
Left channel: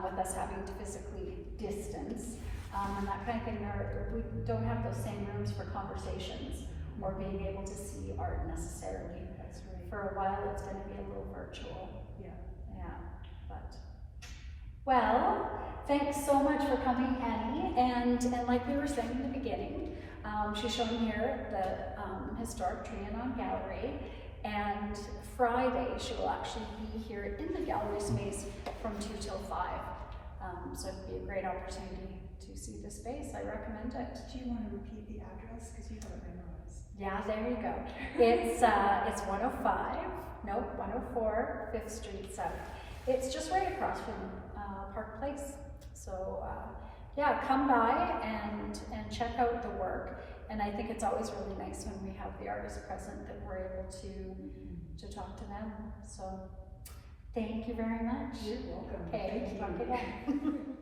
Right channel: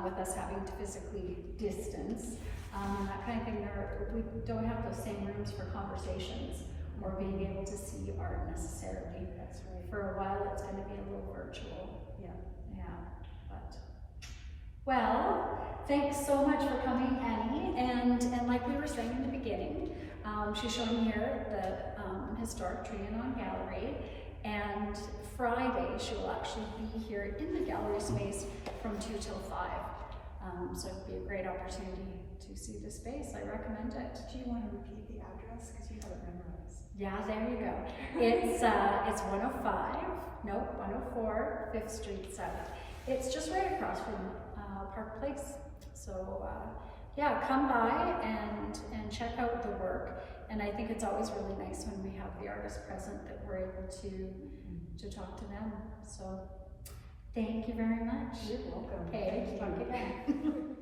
with us having to physically distance, and that kind of thing. We don't have those same rooms for conversations or being able to see art necessarily. That's right. For a while it's going to be a little virtual. Yeah. But well, thanks so much for coming, Annie. And like we were saying in the beginning, she's showing here the historic Trianon Gallery, and Friday she will actually be here in the gallery space from 2 till 5. So it'd be a great opportunity to see the space. I recommend it. Do you want to repeat the address, because you have it memorized? Yeah, there you go. It's 104 5th Street South. It's just right across from Park Place. So yeah, come by and check out the work. And I think it's always really nice when we have the artists present that we're able to talk to them. So thank you very much. You're welcome. Okay, talk again.